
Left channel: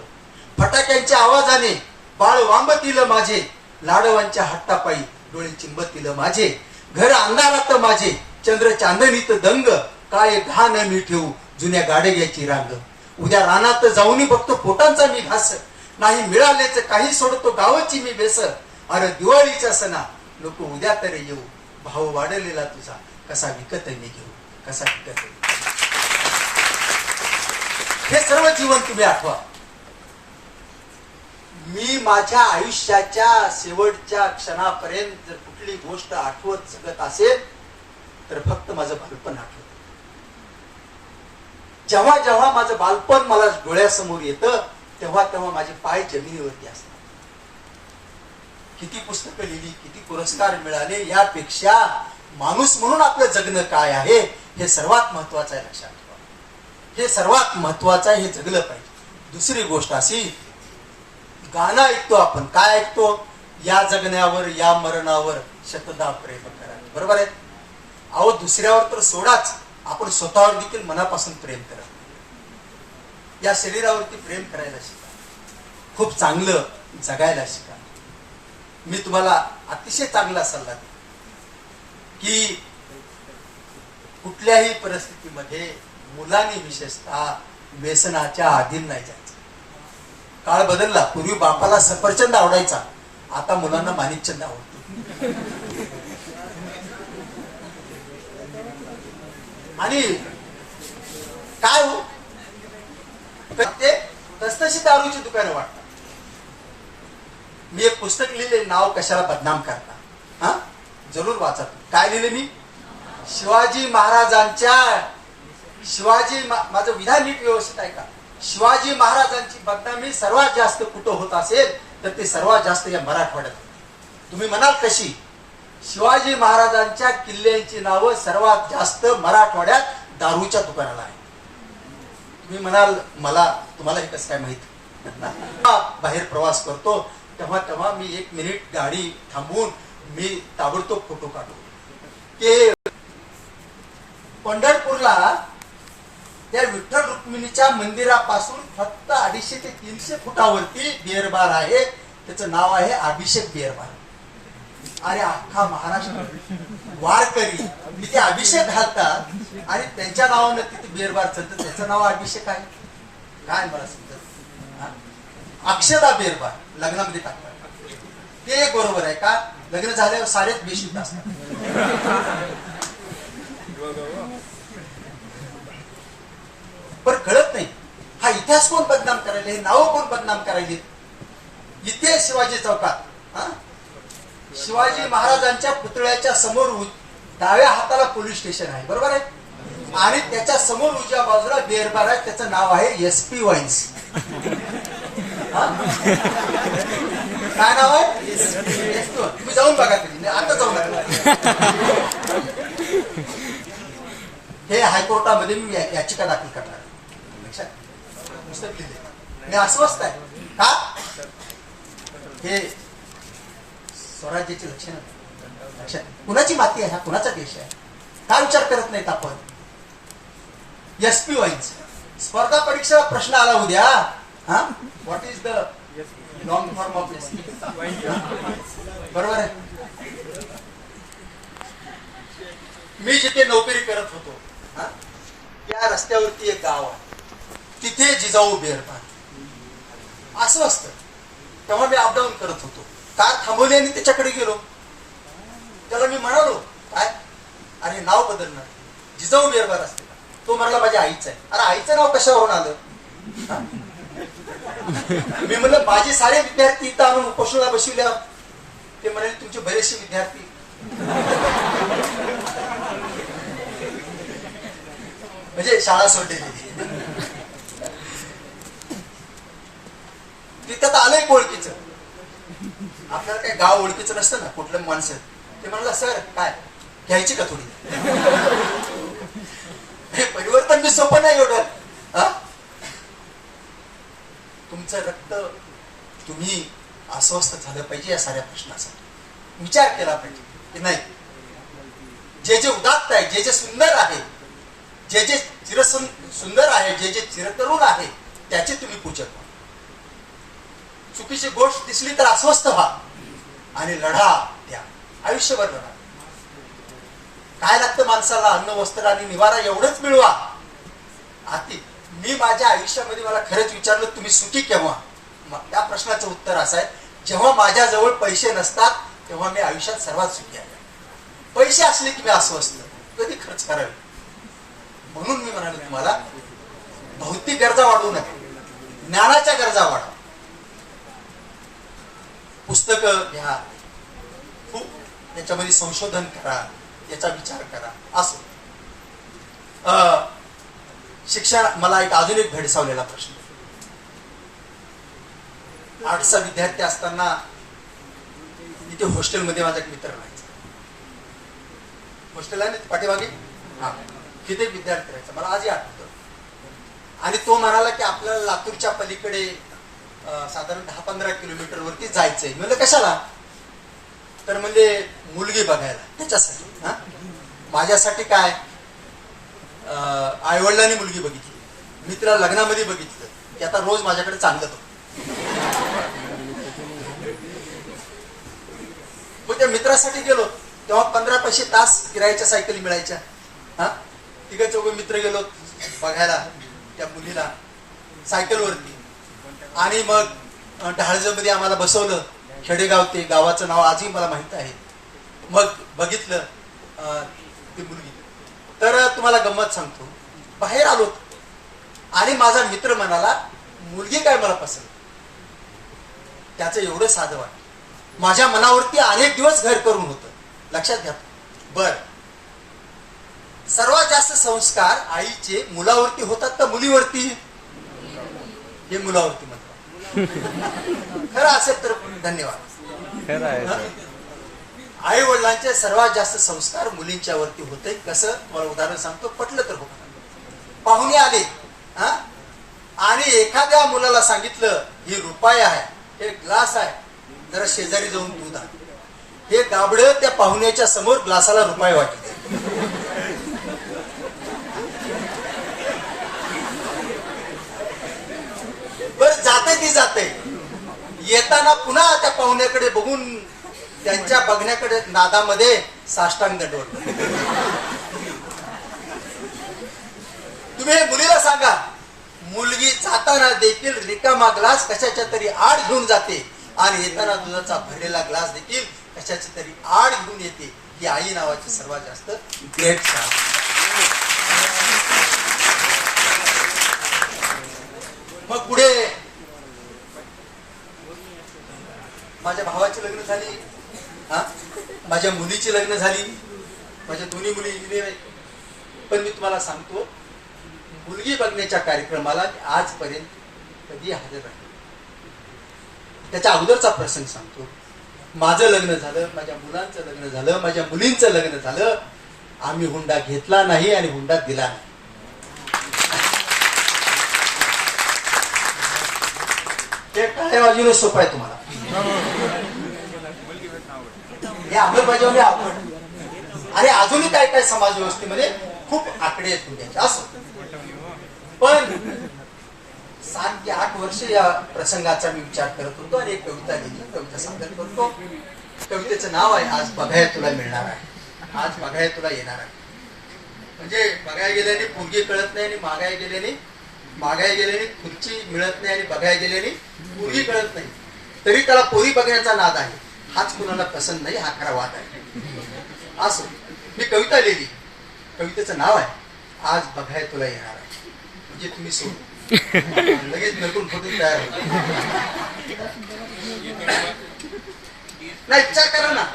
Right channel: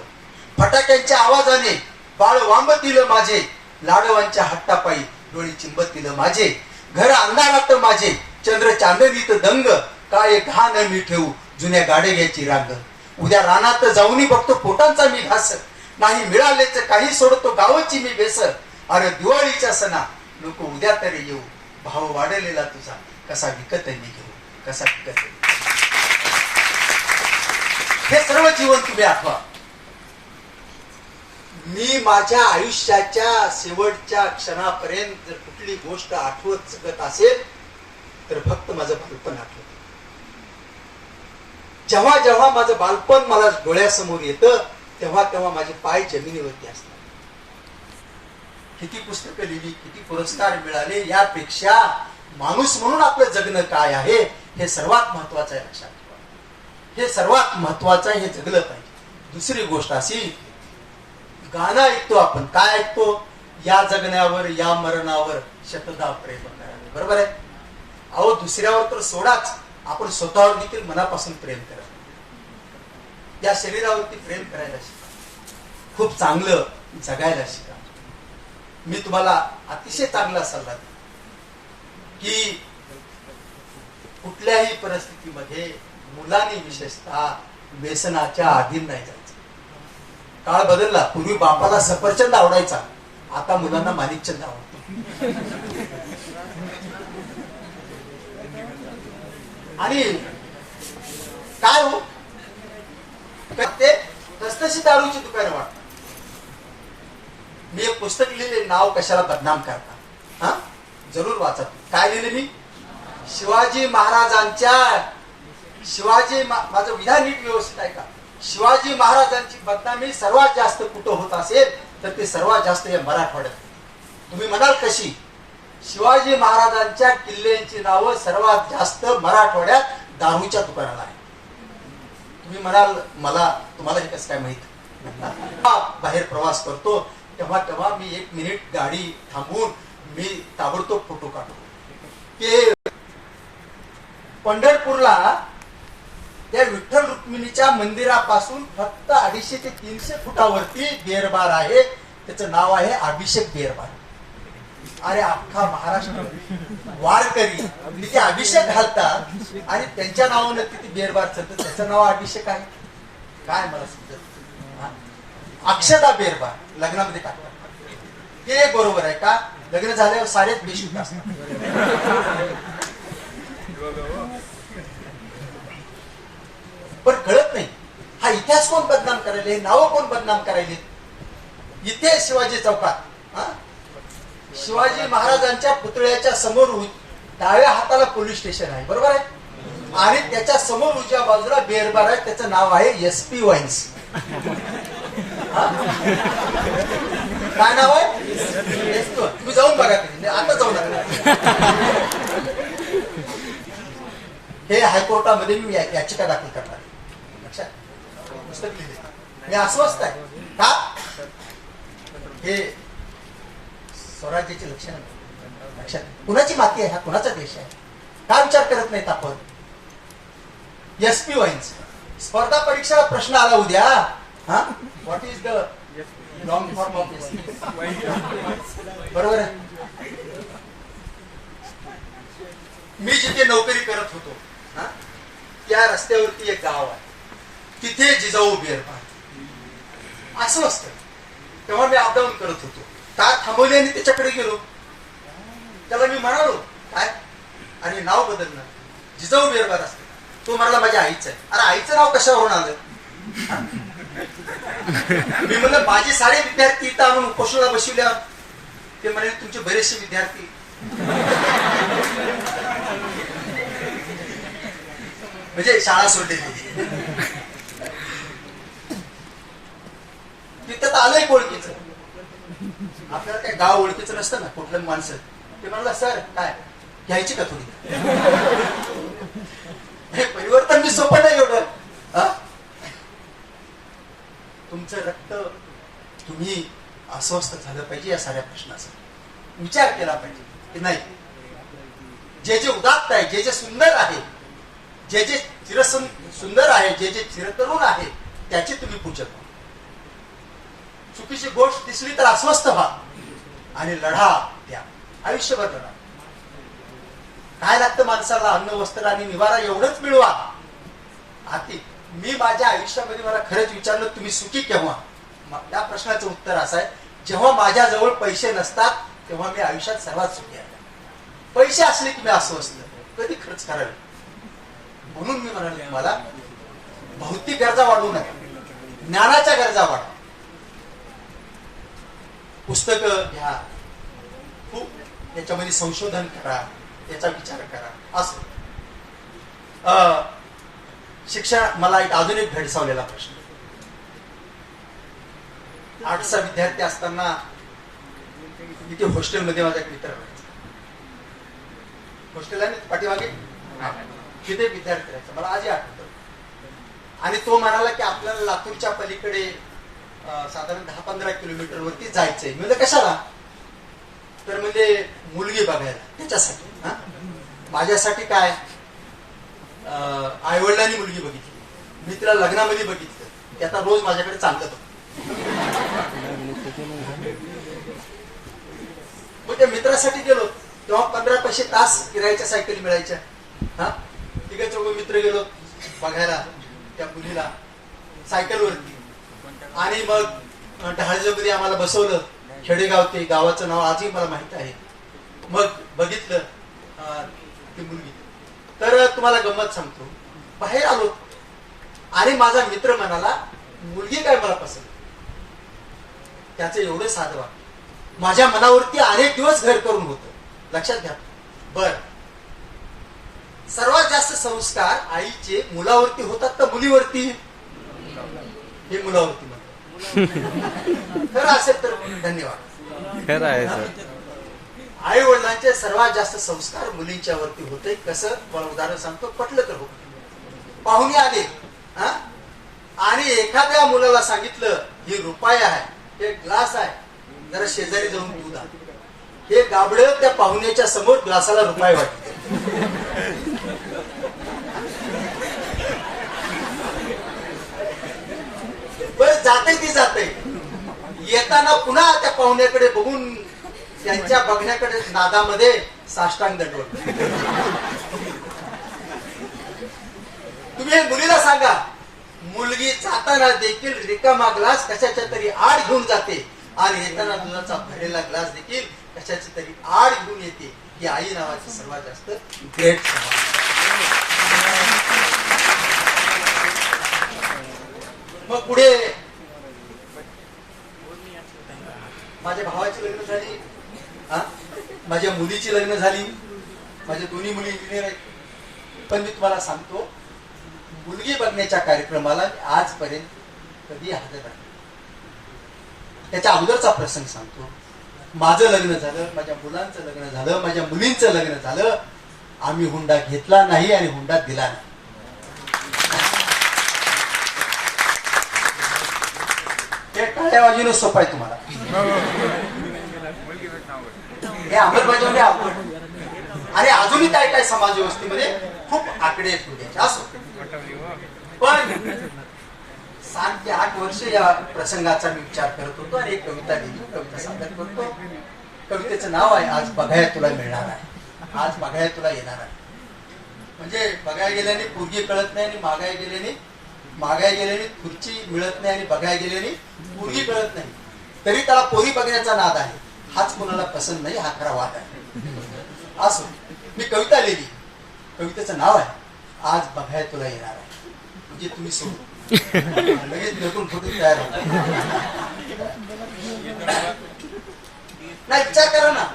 फटाक्यांच्या आवाजाने बाळ वांबतील माझे, लाडवांच्या हट्टापायी डोळी चिंबतील माझे, घर अंधारात माझे चंद्र चांदणीत दंग, काय घाण मी ठेवू जुन्या गाडेग्याची रांग, उद्या रानात जाऊनी बघतो पोटांचा मी घास, नाही मिळालेच काही सोडतो गावाची मी बेस, अरे दिवाळीच्या सणा नको उद्या तरी येऊ, भाव वाढलेला तुझा कसा विकत मी घेऊ, कसा विकत. हे सर्व जीवन तुम्ही आठवा. मी माझ्या आयुष्याच्या शेवटच्या क्षणापर्यंत जर कुठली गोष्ट आठवत जगत असेल तर फक्त माझं बालपण आठवत. जेव्हा जेव्हा माझं बालपण मला डोळ्यासमोर येतं तेव्हा तेव्हा माझे पाय जमिनीवरती असतात. किती पुस्तकं लिहिली, किती पुरस्कार मिळाले, यापेक्षा माणूस म्हणून आपलं जगणं काय आहे हे सर्वात महत्वाचं आहे. लक्षात ठेवा, हे सर्वात महत्वाचं आहे, हे जगलं पाहिजे. दुसरी गोष्ट अशी, गाणं ऐकतो आपण, काय ऐकतो? या जगण्यावर या मरणावर शतदा प्रेम करावे. बरोबर आहे? अहो दुसऱ्यावर तर सोडाच, आपण स्वतःवर देखील मनापासून प्रेम करा. या शरीरावरती प्रेम करायला शिका, खूप चांगलं जगायला शिका. मी तुम्हाला अतिशय चांगला सल्ला देतो की कुठल्याही परिस्थितीमध्ये मुलांनी विशेषतः व्यसनाच्या अधीन नाही जायचं. काळ बदलला. पूर्वी बापाला सफरचंद आवडायचा, आता मुलांना माणिकचंद आवडतो. आणि काय हो ते तसतशी दारूची दुकानं वाटतात. मी एक पुस्तक लिहिले, नाव कशाला बदनाम करता, हा जरूर वाचा. काय लिहिले मी? शिवाजी महाराजांच्या, माझं विधान नीट व्यवस्थित आहे का? शिवाजी महाराजांची बदनामी सर्वात जास्त कुठं होत असेल तर ते सर्वात जास्त या मराठवाड्यात. तुम्ही म्हणाल कशी? शिवाजी महाराजांच्या किल्ल्यांची नावं सर्वात जास्त मराठवाड्यात दारूच्या दुकानाला आहे. तुम्ही म्हणाल मला तुम्हाला हे कसं काय माहित? बाहेर प्रवास करतो तेव्हा तेव्हा मी 1 मिनिट गाडी थांबवून मी ताबडतोब फोटो काढतो. ते पंढरपूरला त्या विठ्ठल रुक्मिणीच्या मंदिरापासून फक्त 250 ते 300 फुटावरती बिअर बार आहे. त्याचं नाव आहे अभिषेक बिअर बार. अरे अख्खा महाराष्ट्र वारकरी तिथे अभिषेक घालतात आणि त्यांच्या नावाने तिथे बेरबार चालतं, त्याचं नाव अभिषेक आहे काय मला समजत. अक्षता बेरबार लग्नामध्ये टाकतात हे एक बरोबर आहे का? लग्न झाल्यावर सारेच बेशुद्ध असतात. पण कळत नाही हा इतिहास कोण बदनाम करायले, नाव कोण बदनाम करायले. इथे शिवाजी चौकात शिवाजी महाराजांच्या पुतळ्याच्या समोर डाव्या हाताला पोलीस स्टेशन आहे, बरोबर आहे, आणि त्याच्या समोर उजव्या बाजूला बेरबार आहे, त्याचं नाव आहे SP वाईन्स. काय नाव आहे? तुम्ही जाऊन बघा तरी, आता जाऊ नका. हे हायकोर्टामध्ये मी याचिका दाखल करणार. लक्षात पुस्तक लिहिले मी अस्वस्थ आहे का? हे स्वराज्याची लक्षणं लक्षात. कुणाची माती आहे हा, कुणाचा देश आहे, काय विचार करत नाहीत आपण. SP वाईन्स स्पर्धा परीक्षा प्रश्न आला उद्या, हा what is the long form of SP, बरोबर आहे. मी जिथे नोकरी करत होतो त्या रस्त्यावरती एक गाव आहे, तिथे जिजाऊ बेरबार अस्वस्थ. तेव्हा मी अपडाऊन करत होतो, कार थांबवली आणि त्याच्याकडे गेलो. त्याला मी म्हणालो काय, आणि नाव बदलणार जिजाऊ बेरबार असते. तो म्हणाला माझ्या आईचं आहे. अरे आईचं नाव कशावरून आलं? मी म्हणलं माझे सारे विद्यार्थी इथं आणून उपोषणाला बसविल्यावर ते म्हणाले तुमचे बरेचसे विद्यार्थी. म्हणजे शाळा सोडलेली. तिथं तर आलंय ओळखीचं, आपल्याला काय गाव ओळखीचं नसतं ना कुठलं माणसं. ते म्हणाला सर काय घ्यायची का थोडी. हे परिवर्तन मी सोपं नाही एवढं. तुमचं रक्त तुम्ही अस्वस्थ झालं पाहिजे या साऱ्या प्रश्नासाठी विचार केला पाहिजे की नाही. जे जे उदात्त आहे, जे जे सुंदर आहे, जे जे सुंदर आहे, जे जे चिरतरुण आहे त्याची तुम्ही पूजन. चुकीची गोष्ट दिसली तर अस्वस्थ व्हा आणि लढा द्या, आयुष्यभर लढा. काय लागतं माणसाला? अन्न वस्त्र आणि निवारा एवढंच मिळवा. आती मी माझ्या आयुष्यामध्ये मला खरंच विचारलं तुम्ही सुखी केव्हा, या प्रश्नाचं उत्तर असं आहे जेव्हा माझ्याजवळ पैसे नसतात तेव्हा मी आयुष्यात सर्वात सुखी आहे. पैसे असले की मी अस्वस्थ, कधी खर्च करावे. म्हणून मी म्हणाले तुम्हाला भौतिक गरजा वाढवू नका, ज्ञानाच्या गरजा वाढवा. पुस्तक घ्या, खूप त्याच्यामध्ये संशोधन करा, याचा विचार करा. असं शिक्षण मला अजून एक भेडसावलेला प्रश्न. आर्ट्सचा विद्यार्थी असताना तिथे हॉस्टेलमध्ये माझा एक मित्र राहायचा. हॉस्टेल आहे ना पाठीमागे, तिथे विद्यार्थी राहायचा, मला आजही आठवतो. आणि तो म्हणाला की आपल्याला लातूरच्या पलीकडे साधारण 10-15 किलोमीटर वरती जायचंय. म्हणजे कशाला? तर म्हणजे मुलगी बघायला, त्याच्यासाठी. माझ्यासाठी काय, आईवडिलांनी मुलगी बघितली, मी तिला लग्नामध्ये बघितलं, ते आता रोज माझ्याकडे चालत होतं. मग त्या मित्रासाठी गेलो तेव्हा 15 तास किरायाच्या सायकली मिळायच्या. तिघ चौघ मित्र गेलो बघायला त्या मुलीला सायकलवरती. आणि मग ढाळजेमध्ये आम्हाला बसवलं. खेडेगाव ते गावाचं नाव आजही मला माहित आहे. मग बघितलं ती मुलगी. तर तुम्हाला गंमत सांगतो, बाहेर आलो आणि माझा मित्र म्हणाला मुलगी काय मला पसंत. त्याचं एवढं साधं वाटतं. माझ्या मनावरती अनेक दिवस घर करून होतं. लक्षात घ्या. बर, सर्वात जास्त संस्कार आईचे मुलावरती होतात तर मुलीवरती? हे मुलावरती म्हणतात. खरं असेल तर धन्यवाद. खरं आहे. आई वडिलांचे सर्वात जास्त संस्कार मुलींच्या वरती होते. कसं? मला उदाहरण सांगतो, पटलं तर होत. पाहुणे आले आणि एखाद्या मुलाला सांगितलं ही रुपया आहे, हे ग्लास आहे, जरा शेजारी जाऊन दूध आण. हे गाबडं त्या पाहुण्याच्या समोर ग्लासाला रुपये वाटते. बरं, जाते ती जाते. येताना पुन्हा त्या पाहुण्याकडे बघून त्यांच्या बघण्याकडे नादामध्ये साष्टांग दंडवत. तुम्ही मुलीला सांगा, मुलगी जाताना देखील रिकामा ग्लास कशाच्या तरी आड घेऊन जाते आणि येताना दुधाचा भरलेला ग्लास देखील कशाची तरी आड घेऊन येते. ही आई नावाची सर्वात जास्त ग्रेट. मग पुढे माझ्या भावाची लग्न झाली, माझ्या मुलीची लग्न झाली, माझ्या दोन्ही मुली इंजिनियर आहेत. पण मी तुम्हाला सांगतो, मुलगी बघण्याच्या कार्यक्रमाला आजपर्यंत कधी हजर राहिलो. त्याच्या अगोदरचा प्रसंग सांगतो. माझं लग्न झालं, माझ्या मुलांचं लग्न झालं, माझ्या मुलींचं लग्न झालं. आम्ही हुंडा घेतला नाही आणि हुंडा दिला नाही. हे टाळ्या वाजवणं सोपं आहे तुम्हाला, हे अंमलबजावणी अवघड. आणि अजूनही काय काय समाज व्यवस्थेमध्ये खूप आकडे आहेत तुझ्याचे असं. पण 7 ते 8 वर्ष या प्रसंगाचा मी विचार करत होतो आणि एक कविता लिहिली, कविता सादर करतो. कवितेचं नाव आहे आज बघाय तुला मिळणार आहे, आज बघाय तुला येणार आहे. म्हणजे बघाय गेल्याने पोरगी कळत नाही आणि मागाय गेल्याने खुर्ची मिळत नाही आणि बघाय गेल्याने पोरगी कळत नाही. तरी त्याला पोरी बघण्याचा नाद आहे. हाच कोणाला पसंत नाही, हा खरा वाद आहे. असो, मी कविता लिहिली. कवितेचं नाव आहे आज बघाय तुला येणार आहे. म्हणजे तुम्ही सोडू लगेच नटून फुटून तयार होतो. नाही, विचार करा ना,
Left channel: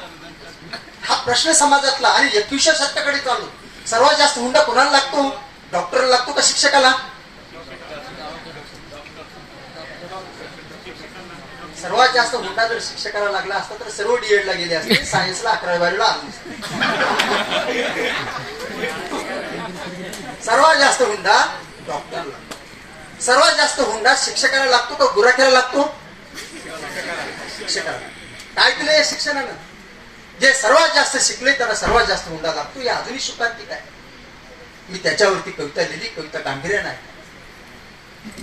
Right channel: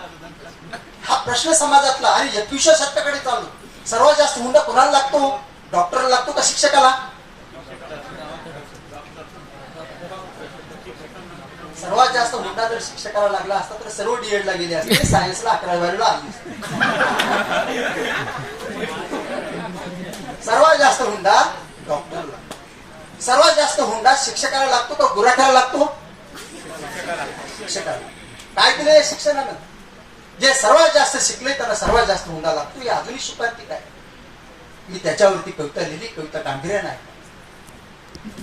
हा प्रश्न समाजातला आणि 21व्या शतकाकडे चालू. सर्वात जास्त हुंडा कोणाला लागतो? डॉक्टरला लागतो का शिक्षकाला? सर्वात जास्त हुंडा जर शिक्षकाला लागला असता तर सर्व डीएड ला गेले असते, सायन्सला 11वी आली. सर्वात जास्त हुंडा डॉक्टरला, सर्वात जास्त हुंडा शिक्षकाला लागतो का गुराख्याला लागतो? शिक्षकाला. काय केलं या शिक्षणानं? जे सर्वात जास्त शिकले त्यांना सर्वात जास्त हुंडा लागतो. हे अजूनही शुकार्तिक आहे. मी त्याच्यावरती कविता लिहिली. कविता गांभीर्यानं आहे.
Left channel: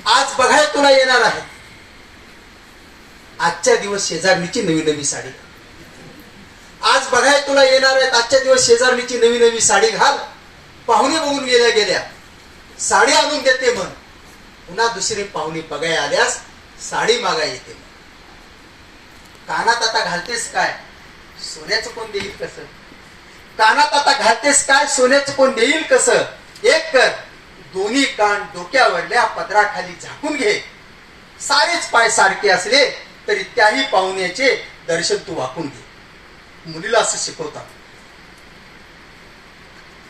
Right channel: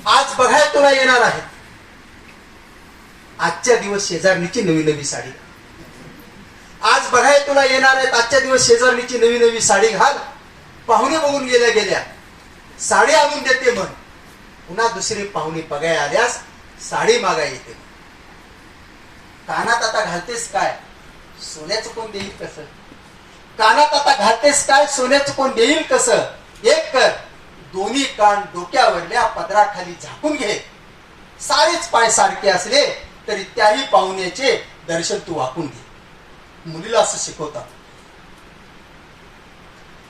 आज बघाय तुला येणार आहे. आजच्या दिवस शेजारणीची नवी नवी साडी. आज बघाय तुला येणार आहेत. आजच्या दिवस शेजारणीची नवी नवी साडी घाल. पाहुणे बघून गेल्या साडी आणून देते मन. पुन्हा दुसरी पाहुणी बघाय आल्यास साडी मागाय येते. कानात आता घालतेस काय, सोन्याचं कोण देईल कसं? कानात आता घालतेस काय, सोन्याचं कोण देईल कसं? एक कर, दोन्ही कान डोक्यावरल्या पदराखाली झाकून घे. सारेच पाय सारखे असले तरी त्याही पाहुण्याचे दर्शन तू वाकून घे. मुलीला असं शिकवतात.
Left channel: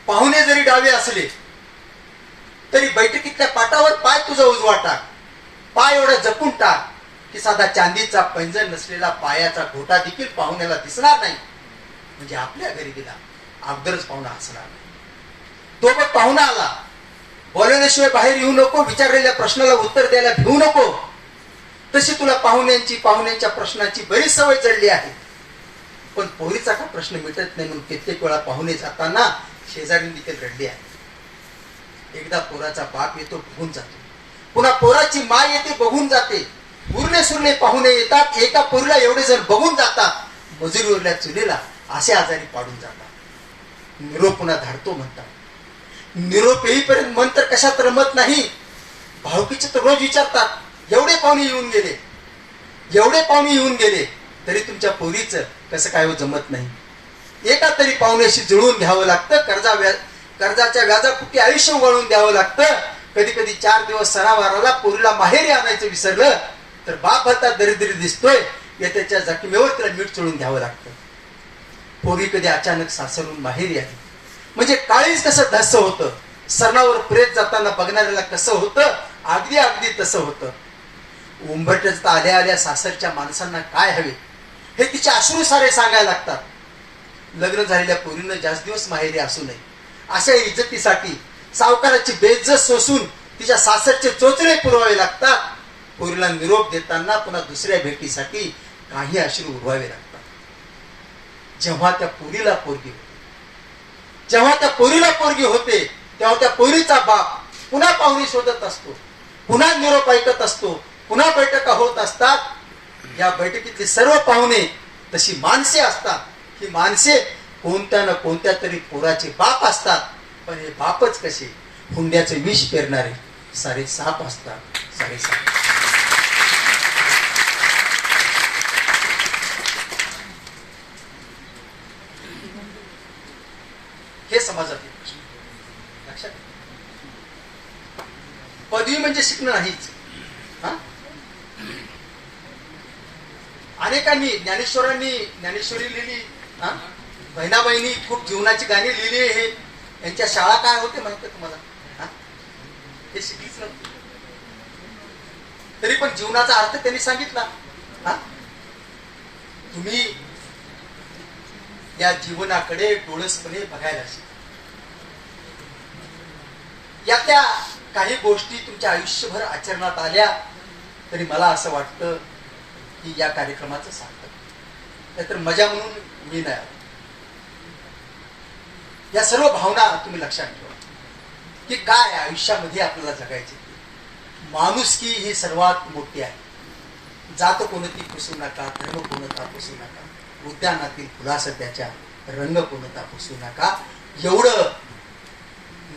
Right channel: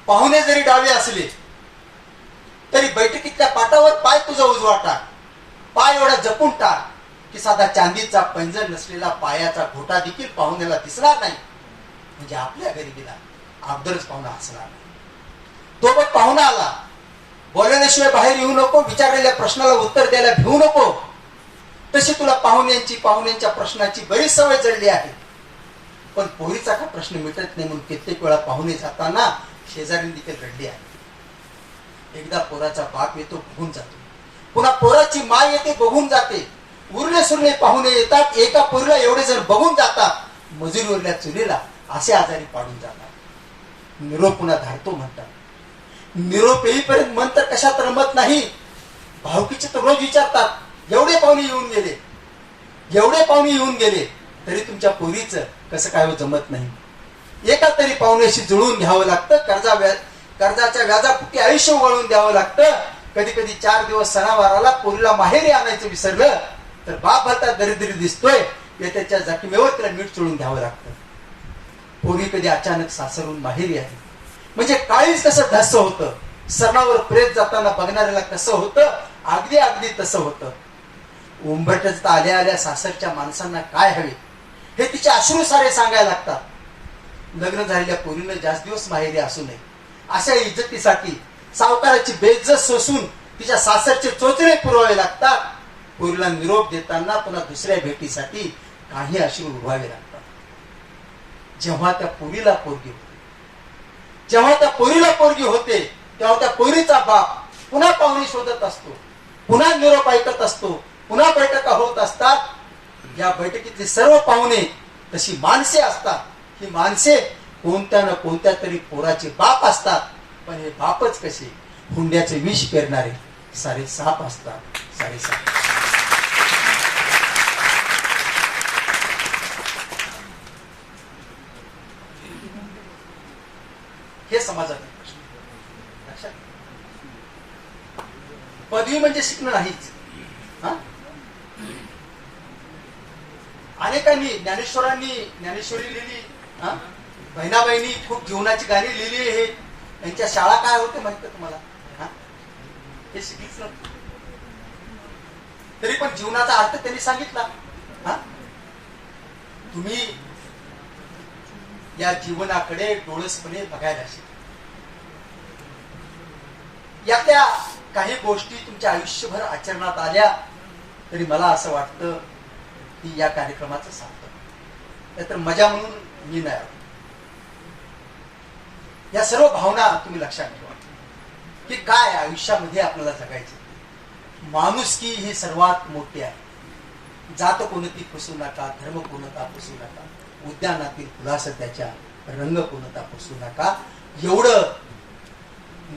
पाहुणे जरी डावे असले तरी बैठकीतल्या पाटावर पाय तुझा उजवा टाक. पाय एवढा जपून टाक की साधा चांदीचा पैंजण नसलेला पायाचा घोटा देखील पाहुण्याला दिसणार नाही. म्हणजे आपल्या घरी गेला अगोदरच पाहुणा हसणार नाही. तो पण पाहुणा आला, बोलवल्याशिवाय बाहेर येऊ नको, विचारलेल्या प्रश्नाला उत्तर द्यायला भिवू नको. तशी तुला पाहुण्यांच्या प्रश्नाची बरीच सवय जडली आहे. पण पोरीचा का प्रश्न मिटत नाही म्हणून कित्येक वेळा पाहुणे जाताना शेजारी देखील रडली आहे. एकदा पोराचा बाप येतो, बघून जातो. पुन्हा पोराची माय येते, बघून जाते. उरले सुरले पाहुणे येतात. एका पोरीला एवढे जण बघून जातात. मजुरीवरल्या चुलीला असे आजारी पाडून जातात. निरोप पुन्हा धाडतो म्हणतात. निरोप येईपर्यंत मन तर कशात रमत नाही. भावकीचे तर रोज विचारतात, एवढे पाहुणे येऊन गेले तरी तुमच्या पोरीचं कसं काय जमत नाही. एका तरी पाहुण्याशी जुळून घ्यावं लागतं. कर्जाच्या व्याजापुटी आयुष्य उगाळून द्यावं लागतं. कधी कधी 4 दिवस सणावाराला पोरीला माहेरी आणायचं विसरलं तर बाप भरता दरिद्री दिसतोय. त्याच्या जखमेवर त्याला मीठ चोळून घ्यावं लागतं. पोरी कधी अचानक सासरून माहेरी आहे म्हणजे काळीच कसं ढस्स होतं. सणावर प्रेत जाताना बघणाऱ्याला कसं होतं, अगदी तसं होतं. उंबरट्यात आल्या आल्या सासरच्या माणसांना काय हवे हे तिचे अश्रू सारे सांगायला लागतात. लग्न झालेल्या पोरीनं जास्त दिवस माहेरी असू नये अशा इज्जतीसाठी सावकाराची बेइज्जत सोसून तिच्या सासरचे चोचले पुरवावे लागतात. पोरीला निरोप देताना पुन्हा दुसऱ्या भेटीसाठी काही अश्रू उरवावे लागतात. जेव्हा त्या पोरीला पोरगी होते तेव्हा त्या पोरीचा बाप पुन्हा पाहुणी शोधत असतो, पुन्हा निरोप ऐकत असतो, पुन्हा बैठका होत असतात. या बैठकीतले सर्व पाहुणे तशी माणसे असतात. ही माणसे कोणत्या ना कोणत्या तरी पोराचे बाप असतात. पण हे बापच कसे हुंड्याचे विष पेरणारे सारे साप असतात. सारे साप. हे समाजातील प्रश्न लक्षात. पदवी म्हणजे शिकणं नाहीच. अनेकांनी ज्ञानेश्वरी लिहिली. बहिणाबहिणी खूप जीवनाची गाणी लिहिली. हे यांच्या शाळा काय होते माहिती तुम्हाला? हे शिकलीच नव्हती. तरी पण जीवनाचा अर्थ त्यांनी सांगितला. तुम्ही या जीवनाकडे डोळसपणे बघायला शिका. या त्या काही गोष्टी तुमच्या आयुष्यभर आचरणात आल्या तरी मला असं वाटतं की या कार्यक्रमाचं सार्थक. नाहीतर मजा म्हणून मी नाही. या सर्व भावना तुम्ही लक्षात ठेवा की काय आयुष्यामध्ये आपल्याला जगायचे. माणुसकी ही सर्वात मोठी आहे. जात कोणती पुसू नका, धर्म कोणता पुसू नका, उद्यानातील फुलास त्याच्या रंग कोणता पुसू नका. एवढं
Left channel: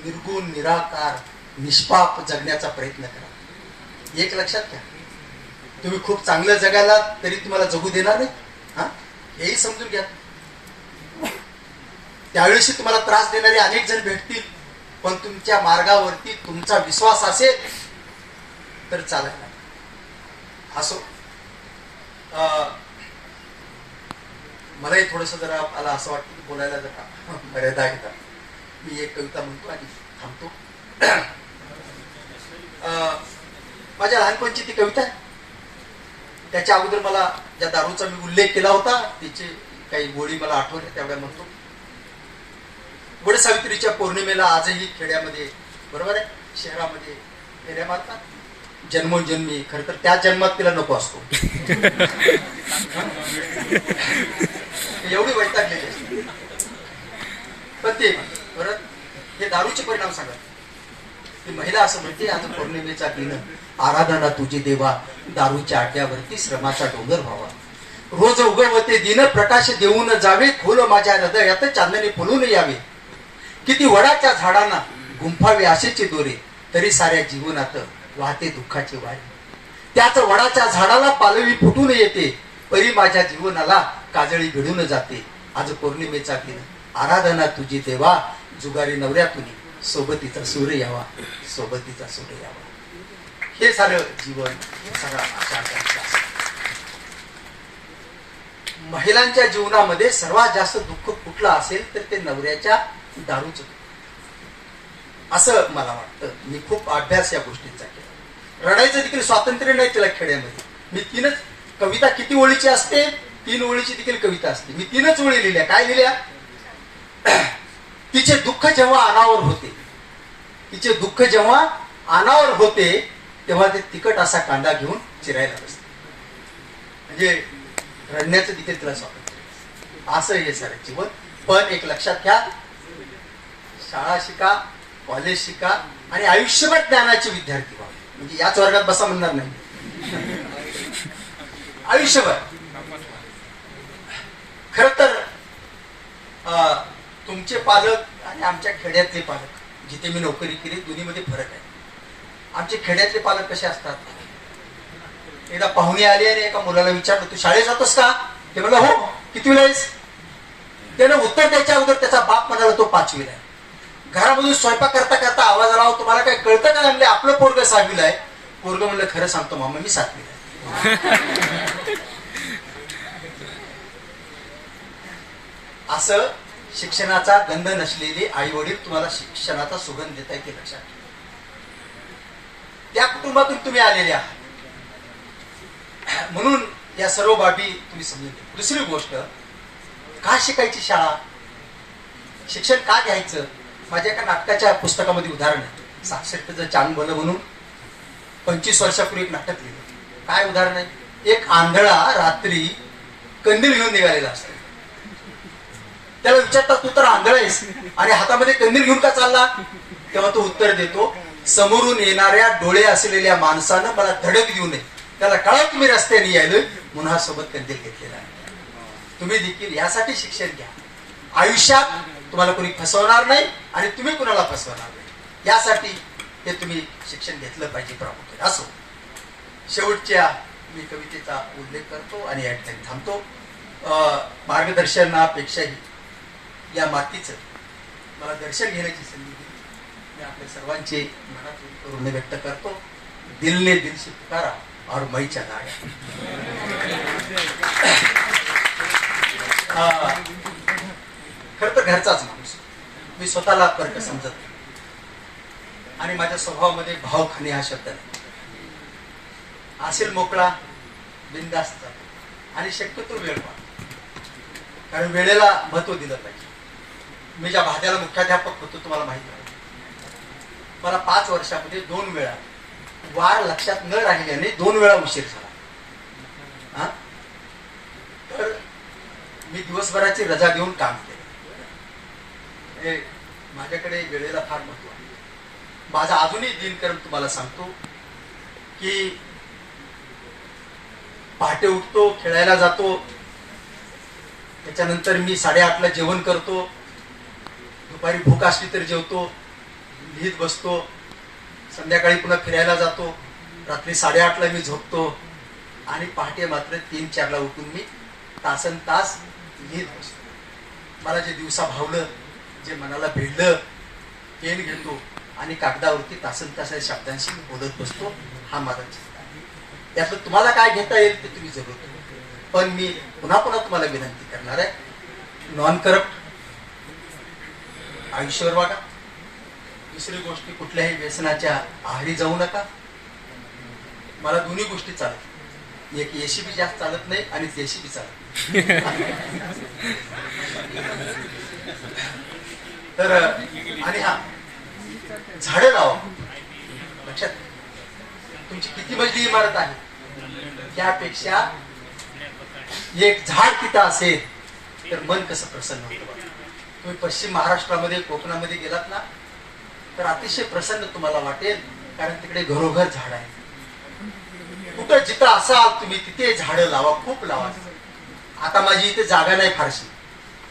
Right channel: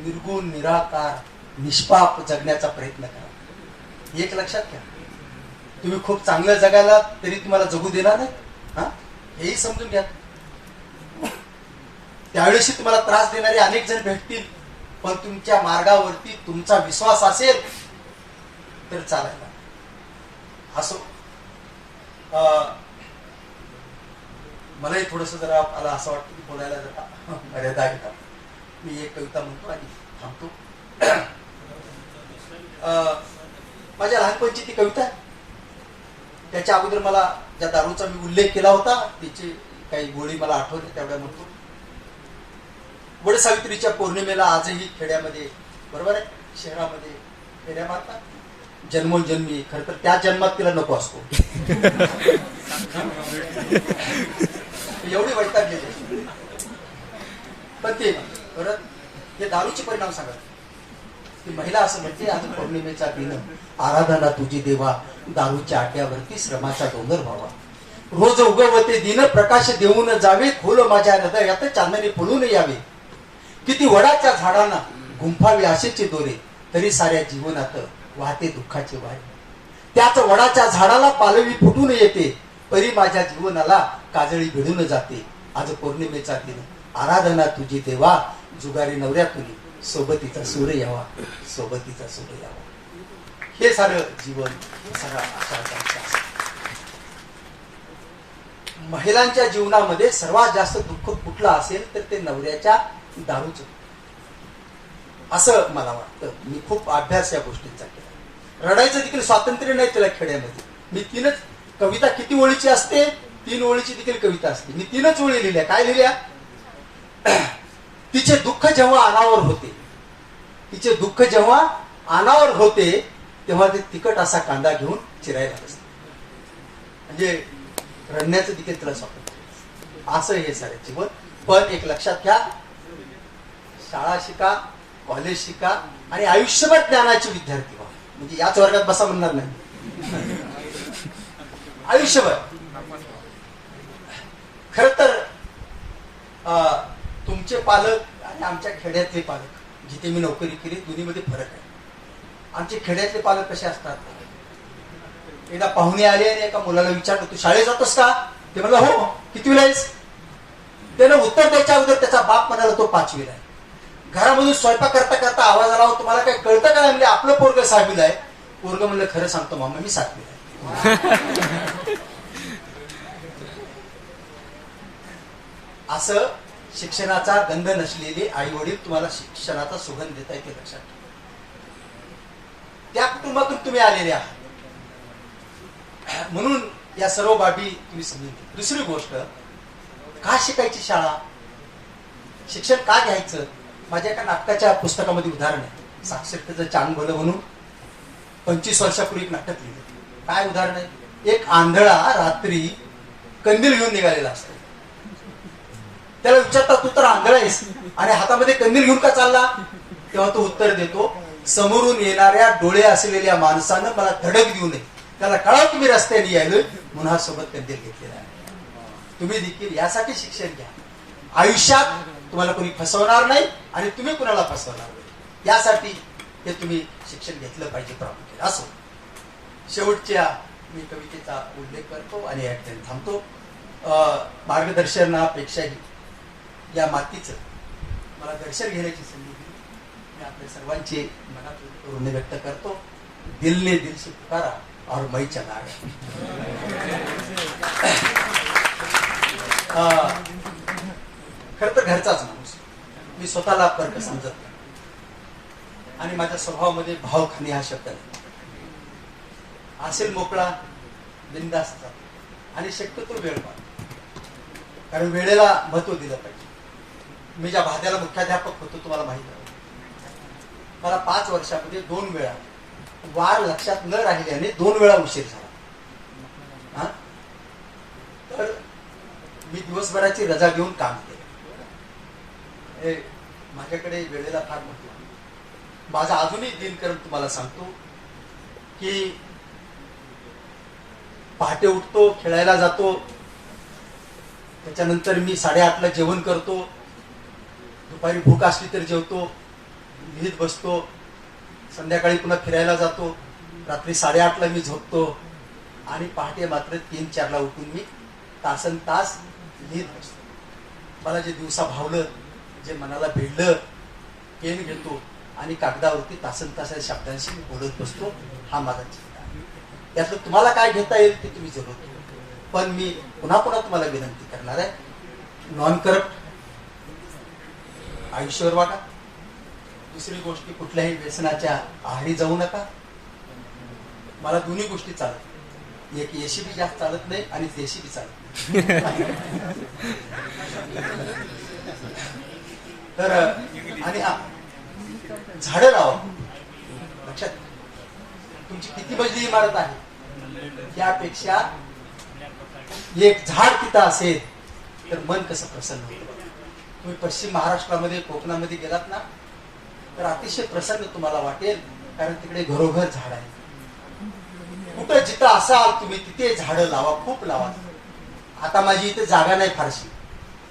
निर्गुण निराकार निष्पाप जगण्याचा प्रयत्न करा. एक लक्षात घ्या, तुम्ही खूप चांगलं जगायला तरी तुम्हाला जगू देणार नाही. हेही समजून घ्या. त्यावेळेशी तुम्हाला त्रास देणारे अनेक जण भेटतील. पण तुमच्या मार्गावरती तुमचा विश्वास असेल तर चालत नाही. असो, मलाही थोडस जरा मला असं वाटतं की बोलायला जरा मर्यादा घेतात. मी एक कविता म्हणतो आणि थांबतो. माझ्या लहानपणची ती कविता आहे. त्याच्या अगोदर मला ज्या दारूचा मी उल्लेख केला होता तिचे काही गोळी मला आठवले तेवढ्या म्हणतो. वडसावित्रीच्या पौर्णिमेला आजही खेड्यामध्ये, बरोबर आहे, शहरामध्ये फेऱ्या मारतात. जन्मोजन्मी खर तर त्या जन्मात तिला नको असतो. एवढी वैतागलेली असते. पण ते परत हे दारूचे परिणाम सांगा. ती महिला असं म्हणते, आज पौर्णिमेचा दिन आराधना तुझी देवा, दारूच्या आट्यावरती श्रमाचा डोंगर व्हावा. रोज उगवते दिन प्रकाश देऊन जावे, खोल माझ्या हृदयात चांदणे फुलून यावे. किती वडाच्या झाडांना गुंफावे आशेचे दोरे, तरी साऱ्या जीवनात वाहते दुःखाचे वारे. त्याच वडाच्या झाडाला पालवी फुटून येते, परी माझ्या जीवनाला काजळी भिडून जाते. आज पौर्णिमेचा दिन आराधना तुझी देवा, जुगारी नवऱ्यातून सोबतीचा सूर यावा, सोबतीचा सूर यावा. हे सारं जीवन, सगळा महिलांच्या जीवनामध्ये सर्वात जास्त दुःख कुठलं असेल तर ते नवऱ्याच्या दारूच, असं मला वाटतं. मी खूप अभ्यास या गोष्टींचा केला. रडायचं देखील स्वातंत्र्य नाही त्याला खेड्यामध्ये. मी 3च कविता, किती ओळीची असते, 3 ओळीची देखील कविता असते. मी 3च ओळी लिहिल्या. काय लिहिल्या? तिचे दुःख जेव्हा अनावर होते, तिचे दुःख जेव्हा अनावर होते तेव्हा ते तिखट असा कांदा घेऊन चिरायला बसते. म्हणजे रडण्याचं देखील तिला स्वातंत्र्य. असं हे सारं जीवन. पण एक लक्षात घ्या, शाळा शिका, कॉलेज शिका आणि आयुष्यभर ज्ञानाचे विद्यार्थी व्हा. म्हणजे याच वर्गात बसा म्हणणार नाही. आयुष्यभर. खर तर तुमचे पालक आणि आमच्या खेड्यातले पालक, जिथे मी नोकरी केली, दोन्हीमध्ये फरक आहे. आमचे खेड्यातले पालक कसे असतात, एकदा पाहुणे आले आणि एका मुलाला विचारलं, तू शाळेत जातोस का? ते म्हणलं हो. कितवीला आहेस? त्यानं उत्तर द्यायच्या अगोदर त्याचा बाप म्हणाला तो 5वीला आहे. घरामधून स्वयंपाक करता करता आवाज आला, तुम्हाला काय कळतं काय? म्हणले आपलं पोरग 6वीला आहे. पोरग म्हणलं खरं सांगतो मामा, मी 7वीला आहे. असं शिक्षणाचा गंध नसलेले आई वडील तुम्हाला शिक्षणाचा सुगंध देता येते. लक्षात ठेवा. त्या कुटुंबातून तुम्ही आलेले आहात. म्हणून या सर्व बाबी तुम्ही समजून घ्या. दुसरी गोष्ट, का शिकायची शाळा, शिक्षण का घ्यायचं? माझ्या एका नाटकाच्या पुस्तकामध्ये उदाहरण आहे. साक्षरतेचं चांग भलं म्हणून 25 वर्षापूर्वी एक नाटक लिहिलं. काय उदाहरण आहे? एक आंधळा रात्री कंदील घेऊन निघालेला असतो. त्याला विचारतात, तू तर आंधळा आहेस आणि हातामध्ये कंदील घेऊन का चालला? तेव्हा तो उत्तर देतो, समोरून येणाऱ्या डोळे असलेल्या माणसानं मला धडक देऊ नये, त्याला कळा तुम्ही रस्त्याने यायलोय, मुन्हा सोबत कंदील घेतलेला आहे. तुम्ही देखील यासाठी शिक्षण घ्या. आयुष्यात तुम्हाला कोणी फसवणार नाही आणि तुम्ही कुणाला फसवणार नाही, यासाठी हे तुम्ही शिक्षण घेतलं पाहिजे प्रामुख्याने. असो, शेवटच्या मी कवितेचा उल्लेख करतो आणि या ठिकाणी थांबतो. मार्गदर्शनापेक्षाही या मातीचं मला दर्शन घेण्याची संधी दिली. मी आपल्या सर्वांचे मनात ऋण व्यक्त करतो. दिल ने दिल से पुकारा और मैं चला गया. खर तर घरचाच माणूस मी, स्वतःला फरक समजत नाही आणि माझ्या स्वभावामध्ये भावखाने हा शब्द नाही. असेल मोकळा, बिनधास्त आणि शक्यतो वेळ पाहतो, कारण वेळेला महत्व दिलं पाहिजे. मी ज्या भाग्याला मुख्याध्यापक होतो तुम्हाला माहिती आहे, मला 5 वर्षामध्ये 2 वेळा वार लक्षात न राहिल्याने 2 वेळा उशीर झाला. तर मी दिवसभराची रजा देऊन काम केलं. हे माझ्याकडे वेळेला फार महत्व. माझा अजूनही दिनक्रम तुम्हाला सांगतो की पहाटे उठतो, खेळायला जातो, त्याच्यानंतर मी 8:30ला जेवण करतो, दुपारी भूक असली तर जेवतो, लिहित बसतो, संध्याकाळी पुन्हा फिरायला जातो, रात्री 8:30ला मी झोपतो आणि पहाटे मात्र 3-4ला उठून मी तासन तास लिहित बसतो. मला जे दिवसा भावलं, जे मनाला भिडलं, पेन घेतो आणि कागदावरती तासन तास शब्दांशी बोलत बसतो. हा माझा छंद आहे. त्यातलं तुम्हाला काय घेता येईल ते तुम्ही जरूर. पण मी पुन्हा पुन्हा तुम्हाला विनंती करणार आहे, नॉन करप्ट आयुष्यावर वागा. दुसरी गोष्ट, कुठल्याही व्यसनाच्या आहारी जाऊ नका. मला दोन्ही गोष्टी चालत, एक एसीबी जास्त चालत नाही आणि देशीबी चालत. तर आणि हा, झाडं लावा. लक्षात, तुमची किती मजली इमारत आहे त्यापेक्षा एक झाड तिथं असेल तर मन कसं प्रसन्न होतं. तुम्ही पश्चिम महाराष्ट्रामध्ये, कोकणामध्ये गेलात ना, तर अतिशय प्रसन्न तुम्हाला वाटेल, कारण तिकडे घरोघर झाड आहे. कुठं जिथं असाल तुम्ही तिथे झाडं लावा, खूप लावा. आता माझी इथे जागा नाही फारशी,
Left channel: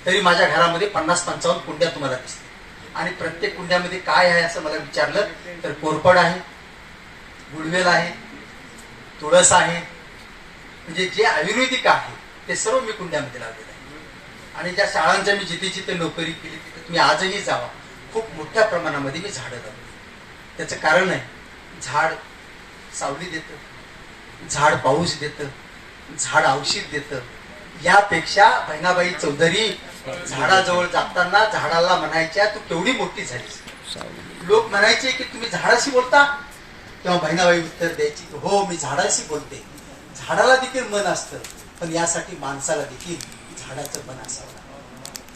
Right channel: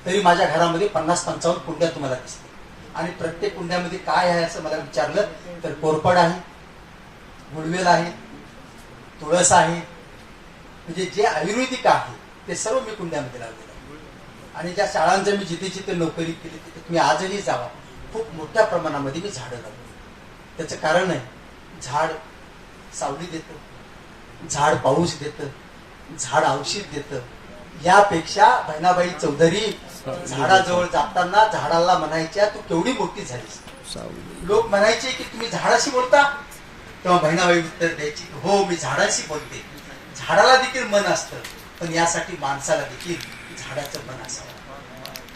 तरी माझ्या घरामध्ये 50-55 कुंड्या तुम्हाला दिसतात. आणि प्रत्येक कुंड्यामध्ये काय आहे असं मला विचारलं तर कोरफड आहे, गुडवेल आहे, तुळस आहे, म्हणजे जे आयुर्वेदिक आहे ते सर्व मी कुंड्यामध्ये लावलेलं आहे. आणि ज्या शाळांच्या मी जिथे जिथे नोकरी केली तिथे तुम्ही आजही जावा, खूप मोठ्या प्रमाणामध्ये मी झाडं लावली. त्याचं कारण आहे, झाड सावली देतं, झाड पाऊस देतं, झाड औषध देतं. यापेक्षा बहिणाबाई चौधरी झाडाजवळ जाताना झाडाला म्हणायच्या, तू केवढी मोठी झालीस. लोक म्हणायचे की तुम्ही झाडाशी बोलता, तेव्हा बहिणाबाई उत्तर द्यायची, हो मी झाडाशी बोलते. झाडाला देखील मन असतं, पण यासाठी माणसाला देखील झाडाचं मन असावं.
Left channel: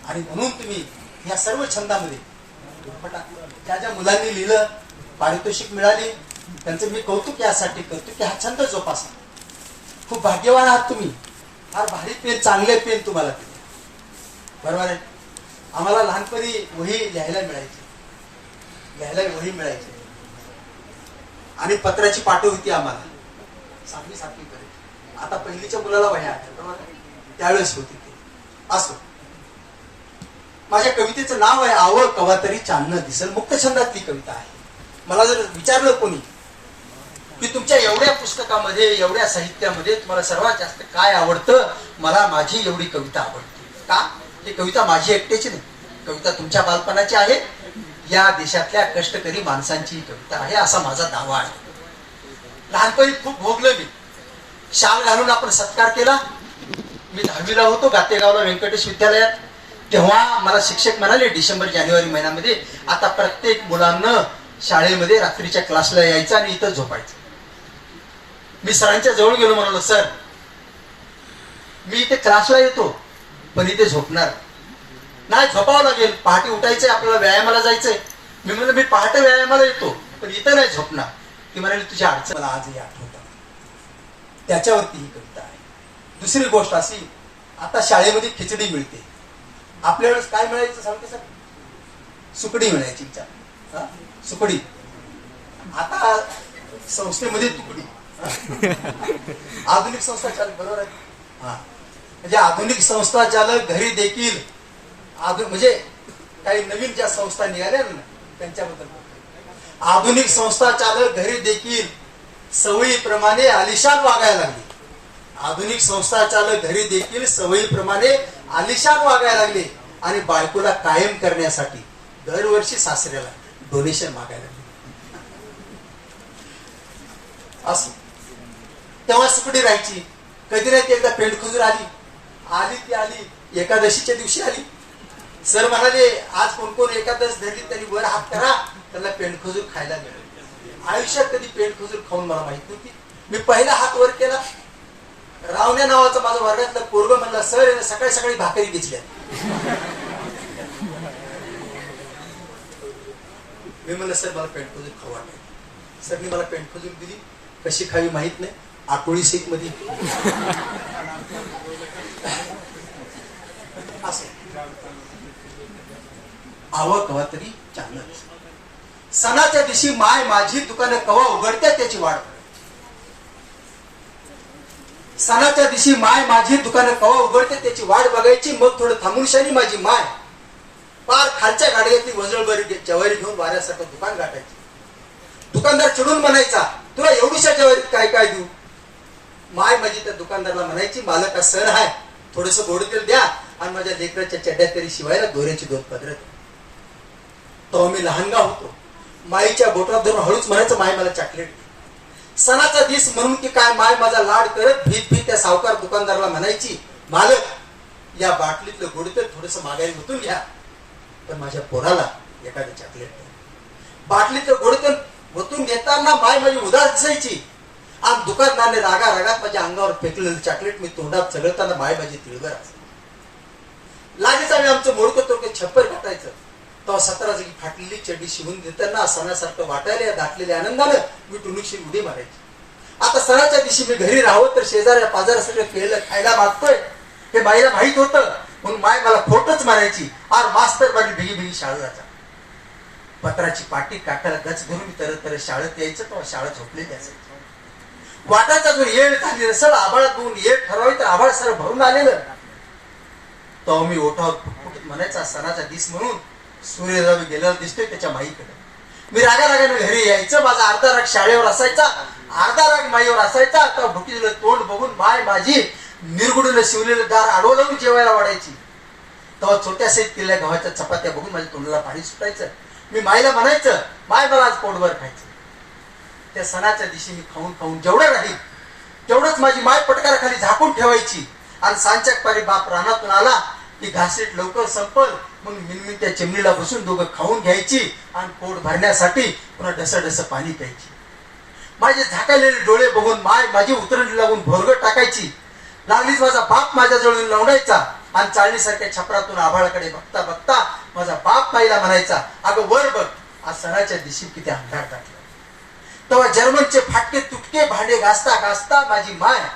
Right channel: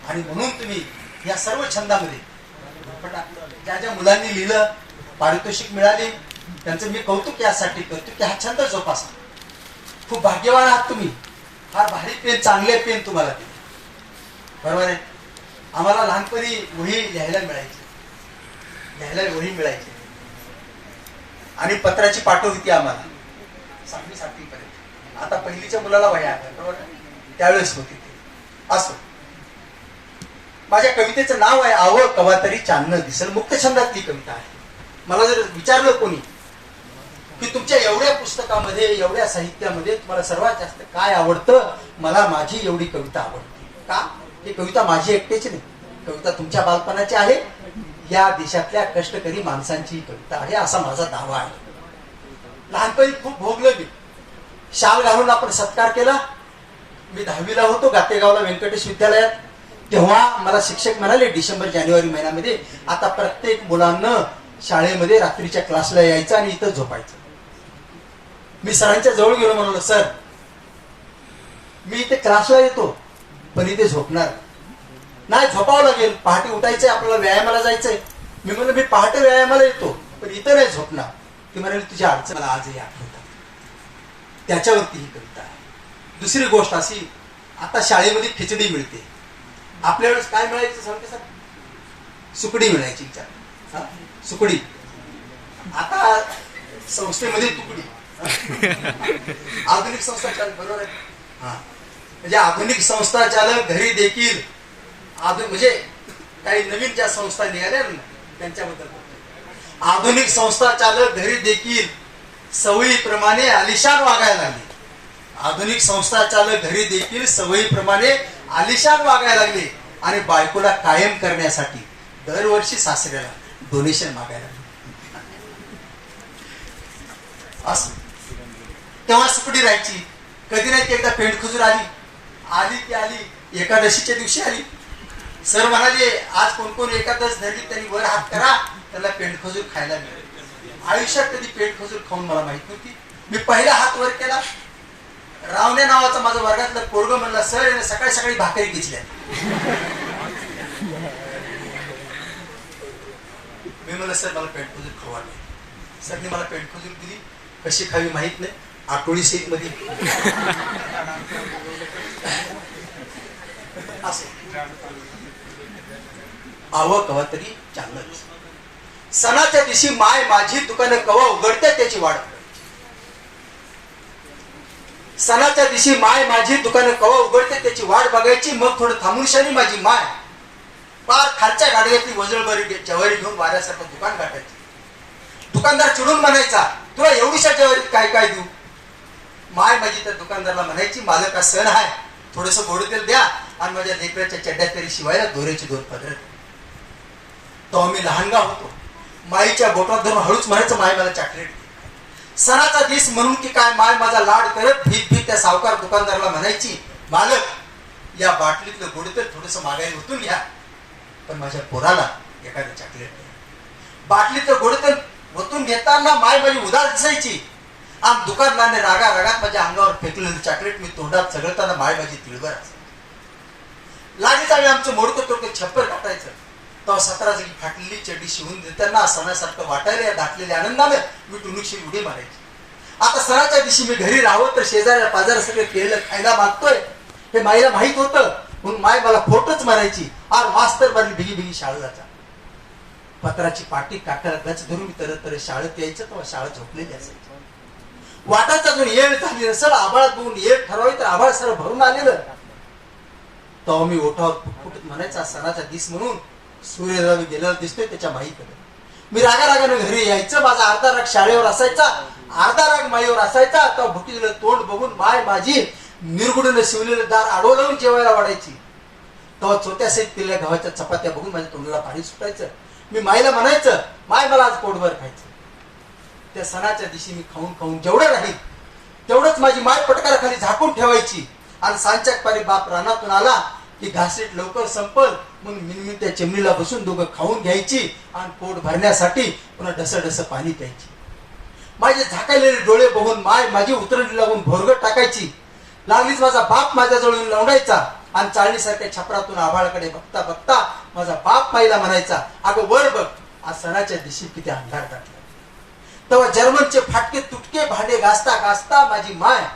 आणि म्हणून तुम्ही या सर्व छंदामध्ये ज्या ज्या मुलांनी लिहिलं, पारितोषिक मिळाली, त्यांचं मी कौतुक यासाठी करतो की हा छंद जोपासा. खूप भाग्यवान आहात तुम्ही. फार भारी पेन, चांगले पेन तुम्हाला दिले, बरोबर आहे. आम्हाला लहानपणी वही लिहायला वही मिळायची आणि पत्राची पाठव होती आम्हाला, 6वी-7वी पर्यंत. आता पहिलीच्या मुलाला वह्या आहेत, बरोबर आहे, त्यावेळेस होती ती. असो, माझ्या कवितेचं नाव आहे आव कवा तरी चांदणं दिसेल. मुक्त छंदातली कविता आहे. मला जर विचारलं कोणी की तुमच्या एवढ्या पुस्तकामध्ये, एवढ्या साहित्यामध्ये तुम्हाला सर्वात जास्त काय आवडतं, मला माझी एवढी कविता आवडते. का? ही कविता माझी एकट्याची नाही, कविता तुमच्या बालपणाची आहे, या देशातल्या कष्टकरी माणसांची ही कविता आहे, असा माझा दावा आहे. लहानपणी खूप भोगलं मी. शाल घालून आपण सत्कार केला. मी 10वीला होतो गातेगावला व्यंकटेश विद्यालयात. तेव्हा मला शिक्षक म्हणाले डिसेंबर-जानेवारी महिन्यामध्ये, आता प्रत्येक मुलांना शाळेमध्ये रात्रीच्या क्लासला यायचं आणि इथं झोपायचं. मी सरांच्या जवळ गेलो, म्हणालो सर मी इथे क्लासला येतो पण इथे झोपणार नाही, झोपावं लागेल, पहाटे उठायचंय, आपल्याला व्यायामाला जायचंय. मी म्हणलं मी पहाटे व्यायामाला येतो पण इथं नाही झोपणार. ती म्हणाली तुझी अडचण मला आजही आठवतात. त्याच्यावरती ही कविता आहे. दुसरी गोष्ट अशी, आता शाळेमध्ये खिचडी मिळते. आपल्या वेळेस काय मिळायचं सांगतो सर? सुकडी मिळायची. विचार, सुकडी. आता संस्थेमध्ये तुकडी. आधुनिक संस्था, बरोबर आहे. म्हणजे आधुनिक संस्था चालक घरी देखील म्हणजे काही नवीन ज्या संस्था निघाल्या ना त्यांच्याबद्दल बोलतो. आधुनिक संस्था चालक घरी देखील सवयीप्रमाणे आलिशान वागायला लागले. आधुनिक संस्था चालक घरी देखील सवयीप्रमाणे आलिशान वागायला लागले आणि बायकोला कायम करण्यासाठी दरवर्षी सासऱ्याला डोनेशन मागायला लागले. असं तेव्हा सुकडी राहायची. कधी नाही एकदा पेंडखुजूर आली ती आली एकादशीच्या दिवशी आली. सर म्हणाले आज कोण कोण एकादश धरली त्यांनी वर हात करा, त्याला पेंडखुजूर खायला मिळेल. आयुष्यात कधी पेंडखुजूर खाऊन मला माहित नव्हती. मी पहिला हात वर केला. रावण्या नावाचं माझं वर्गातलं पोरग म्हणला सर सकाळी सकाळी भाकरी घेतल्या. मी म्हणलं सर मला पेंडखुजूर खाऊ वाटली. सरनी मला पेंडखुजूर दिली. कशी खावी माहित नाही. आठवडी सीट मध्ये आव कवा तरी चांगलं. सणाच्या दिवशी माय माझी दुकानं कवा उघडते त्याची वाट. सणाच्या दिवशी माय माझी दुकानं कवा उघडते त्याची वाट बघायची. मग थोडं थांबून शानी माझी माय पार खालच्या गाडग्यातली वजळभरी जवारी घेऊन वाऱ्यासारखं दुकान गाठायची. दुकानदार चिडून म्हणायचा तुला एवढीशा जवारीत काय काय देऊ. माय माझी त्या दुकानदाराला म्हणायची मालक हा सण आहे थोडस गोड तेल द्या आणि माझ्या लेकराच्या चड्ड्या तरी शिवायला दोऱ्याची दोर पदरत. तो आम्ही लहानगा होतो. माईच्या बोटात धरून हळूच म्हणायचं माय मला चॉकलेट. सणाचा दिस म्हणून की काय माय माझा लाड करत भीत भीत त्या सावकार दुकानदाराला म्हणायची मालक या बाटलीतलं गोड तेल थोडस मागायला होतून घ्या पण माझ्या पोराला एखादं चॉकलेट. बाटलीतलं गोड तेल ओतून घेताना माय माझी उदास दिसायची. आम दुकानदाराने रागा रागात माझ्या अंगावर फेकलेलं चॉकलेट मी तोंडात चघळताना माय माझी तिळभर असायची. लागेच आम्ही आमचं मोडकं तोडकं छप्पर काटायचं. तेव्हा 17 जागी फाटलेली चड्डी शिवून देताना सणासारखं वाटायला या दाटलेल्या आनंदानं मी टुनुकशी उडी मारायची. आता सणाच्या दिवशी मी घरी राहावं तर शेजाऱ्या पाजाऱ्या सगळं केलेलं खायला मागतोय हे माईला माहित होतं म्हणून माय मला खोटच मारायची. आर मास्तर बारी भिगी भिगी शाळेचा पत्राची पाटी काटायला गच धरून मी तर शाळेत यायचं तेव्हा शाळा झोपलेली असायची. वाटायचा जो येळ झाली रसळ आभाळात बघून येळ ठरवावी तर आभाळ सर भरून आलेलं. तो मी ओठावर फुटफुटीत म्हणायचा सणाचा दिस म्हणून सूर्यराव गेलेला दिसतोय त्याच्या माईकडे. मी रागारागाने घरी यायचं. माझा अर्धा राग शाळेवर असायचा अर्धा राग माईवर असायचा. तेव्हा भुकीलेलं तोंड बघून माय माझी निरगुडीनं शिवलेलं दार आडवं लावून जेवायला वाढायची. तेव्हा छोट्या सहित केलेल्या गव्हाच्या चपात्या बघून माझ्या तोंडाला पाणी सुटायचं. मी माईला म्हणायचं माय मला आज पोटभर खायचं. त्या सणाच्या दिवशी मी खाऊन खाऊन जेवढं राहील तेवढंच माझी माय पटकाराखाली झाकून ठेवायची. आणि सांच्या पारी बाप रानातून आला की घासीट लवकर संपल म्हणून मिनमिन त्या चिमणीला बसून दोघं खाऊन घ्यायची आणि पोट भरण्यासाठी पुन्हा ढस पाणी प्यायची. माझे झाकायलेले डोळे बघून माय माझी उतरणी लागून भोरगट टाकायची. लागलीच माझा बाप माझ्याजवळ लावडायचा आणि चाळणीसारख्या छपरातून आभाळाकडे बघता बघता माझा बाप माईला म्हणायचा अगं वर बघ आज सणाच्या दिवशी किती अंधार दाटला. तेव्हा जर्मनचे फाटके तुटके भांडे घासता घासता माझी माय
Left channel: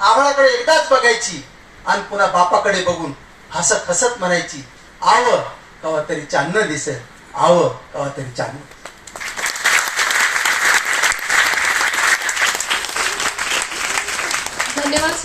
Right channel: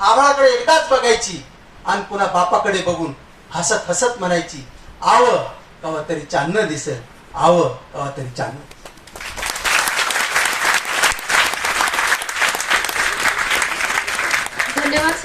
आभाळाकडे एकदाच बघायची आणि पुन्हा बापाकडे बघून हसत हसत म्हणायची आव कवा तरी चांदणं दिसेल आव कवा तरी चांदणं. धन्यवाद.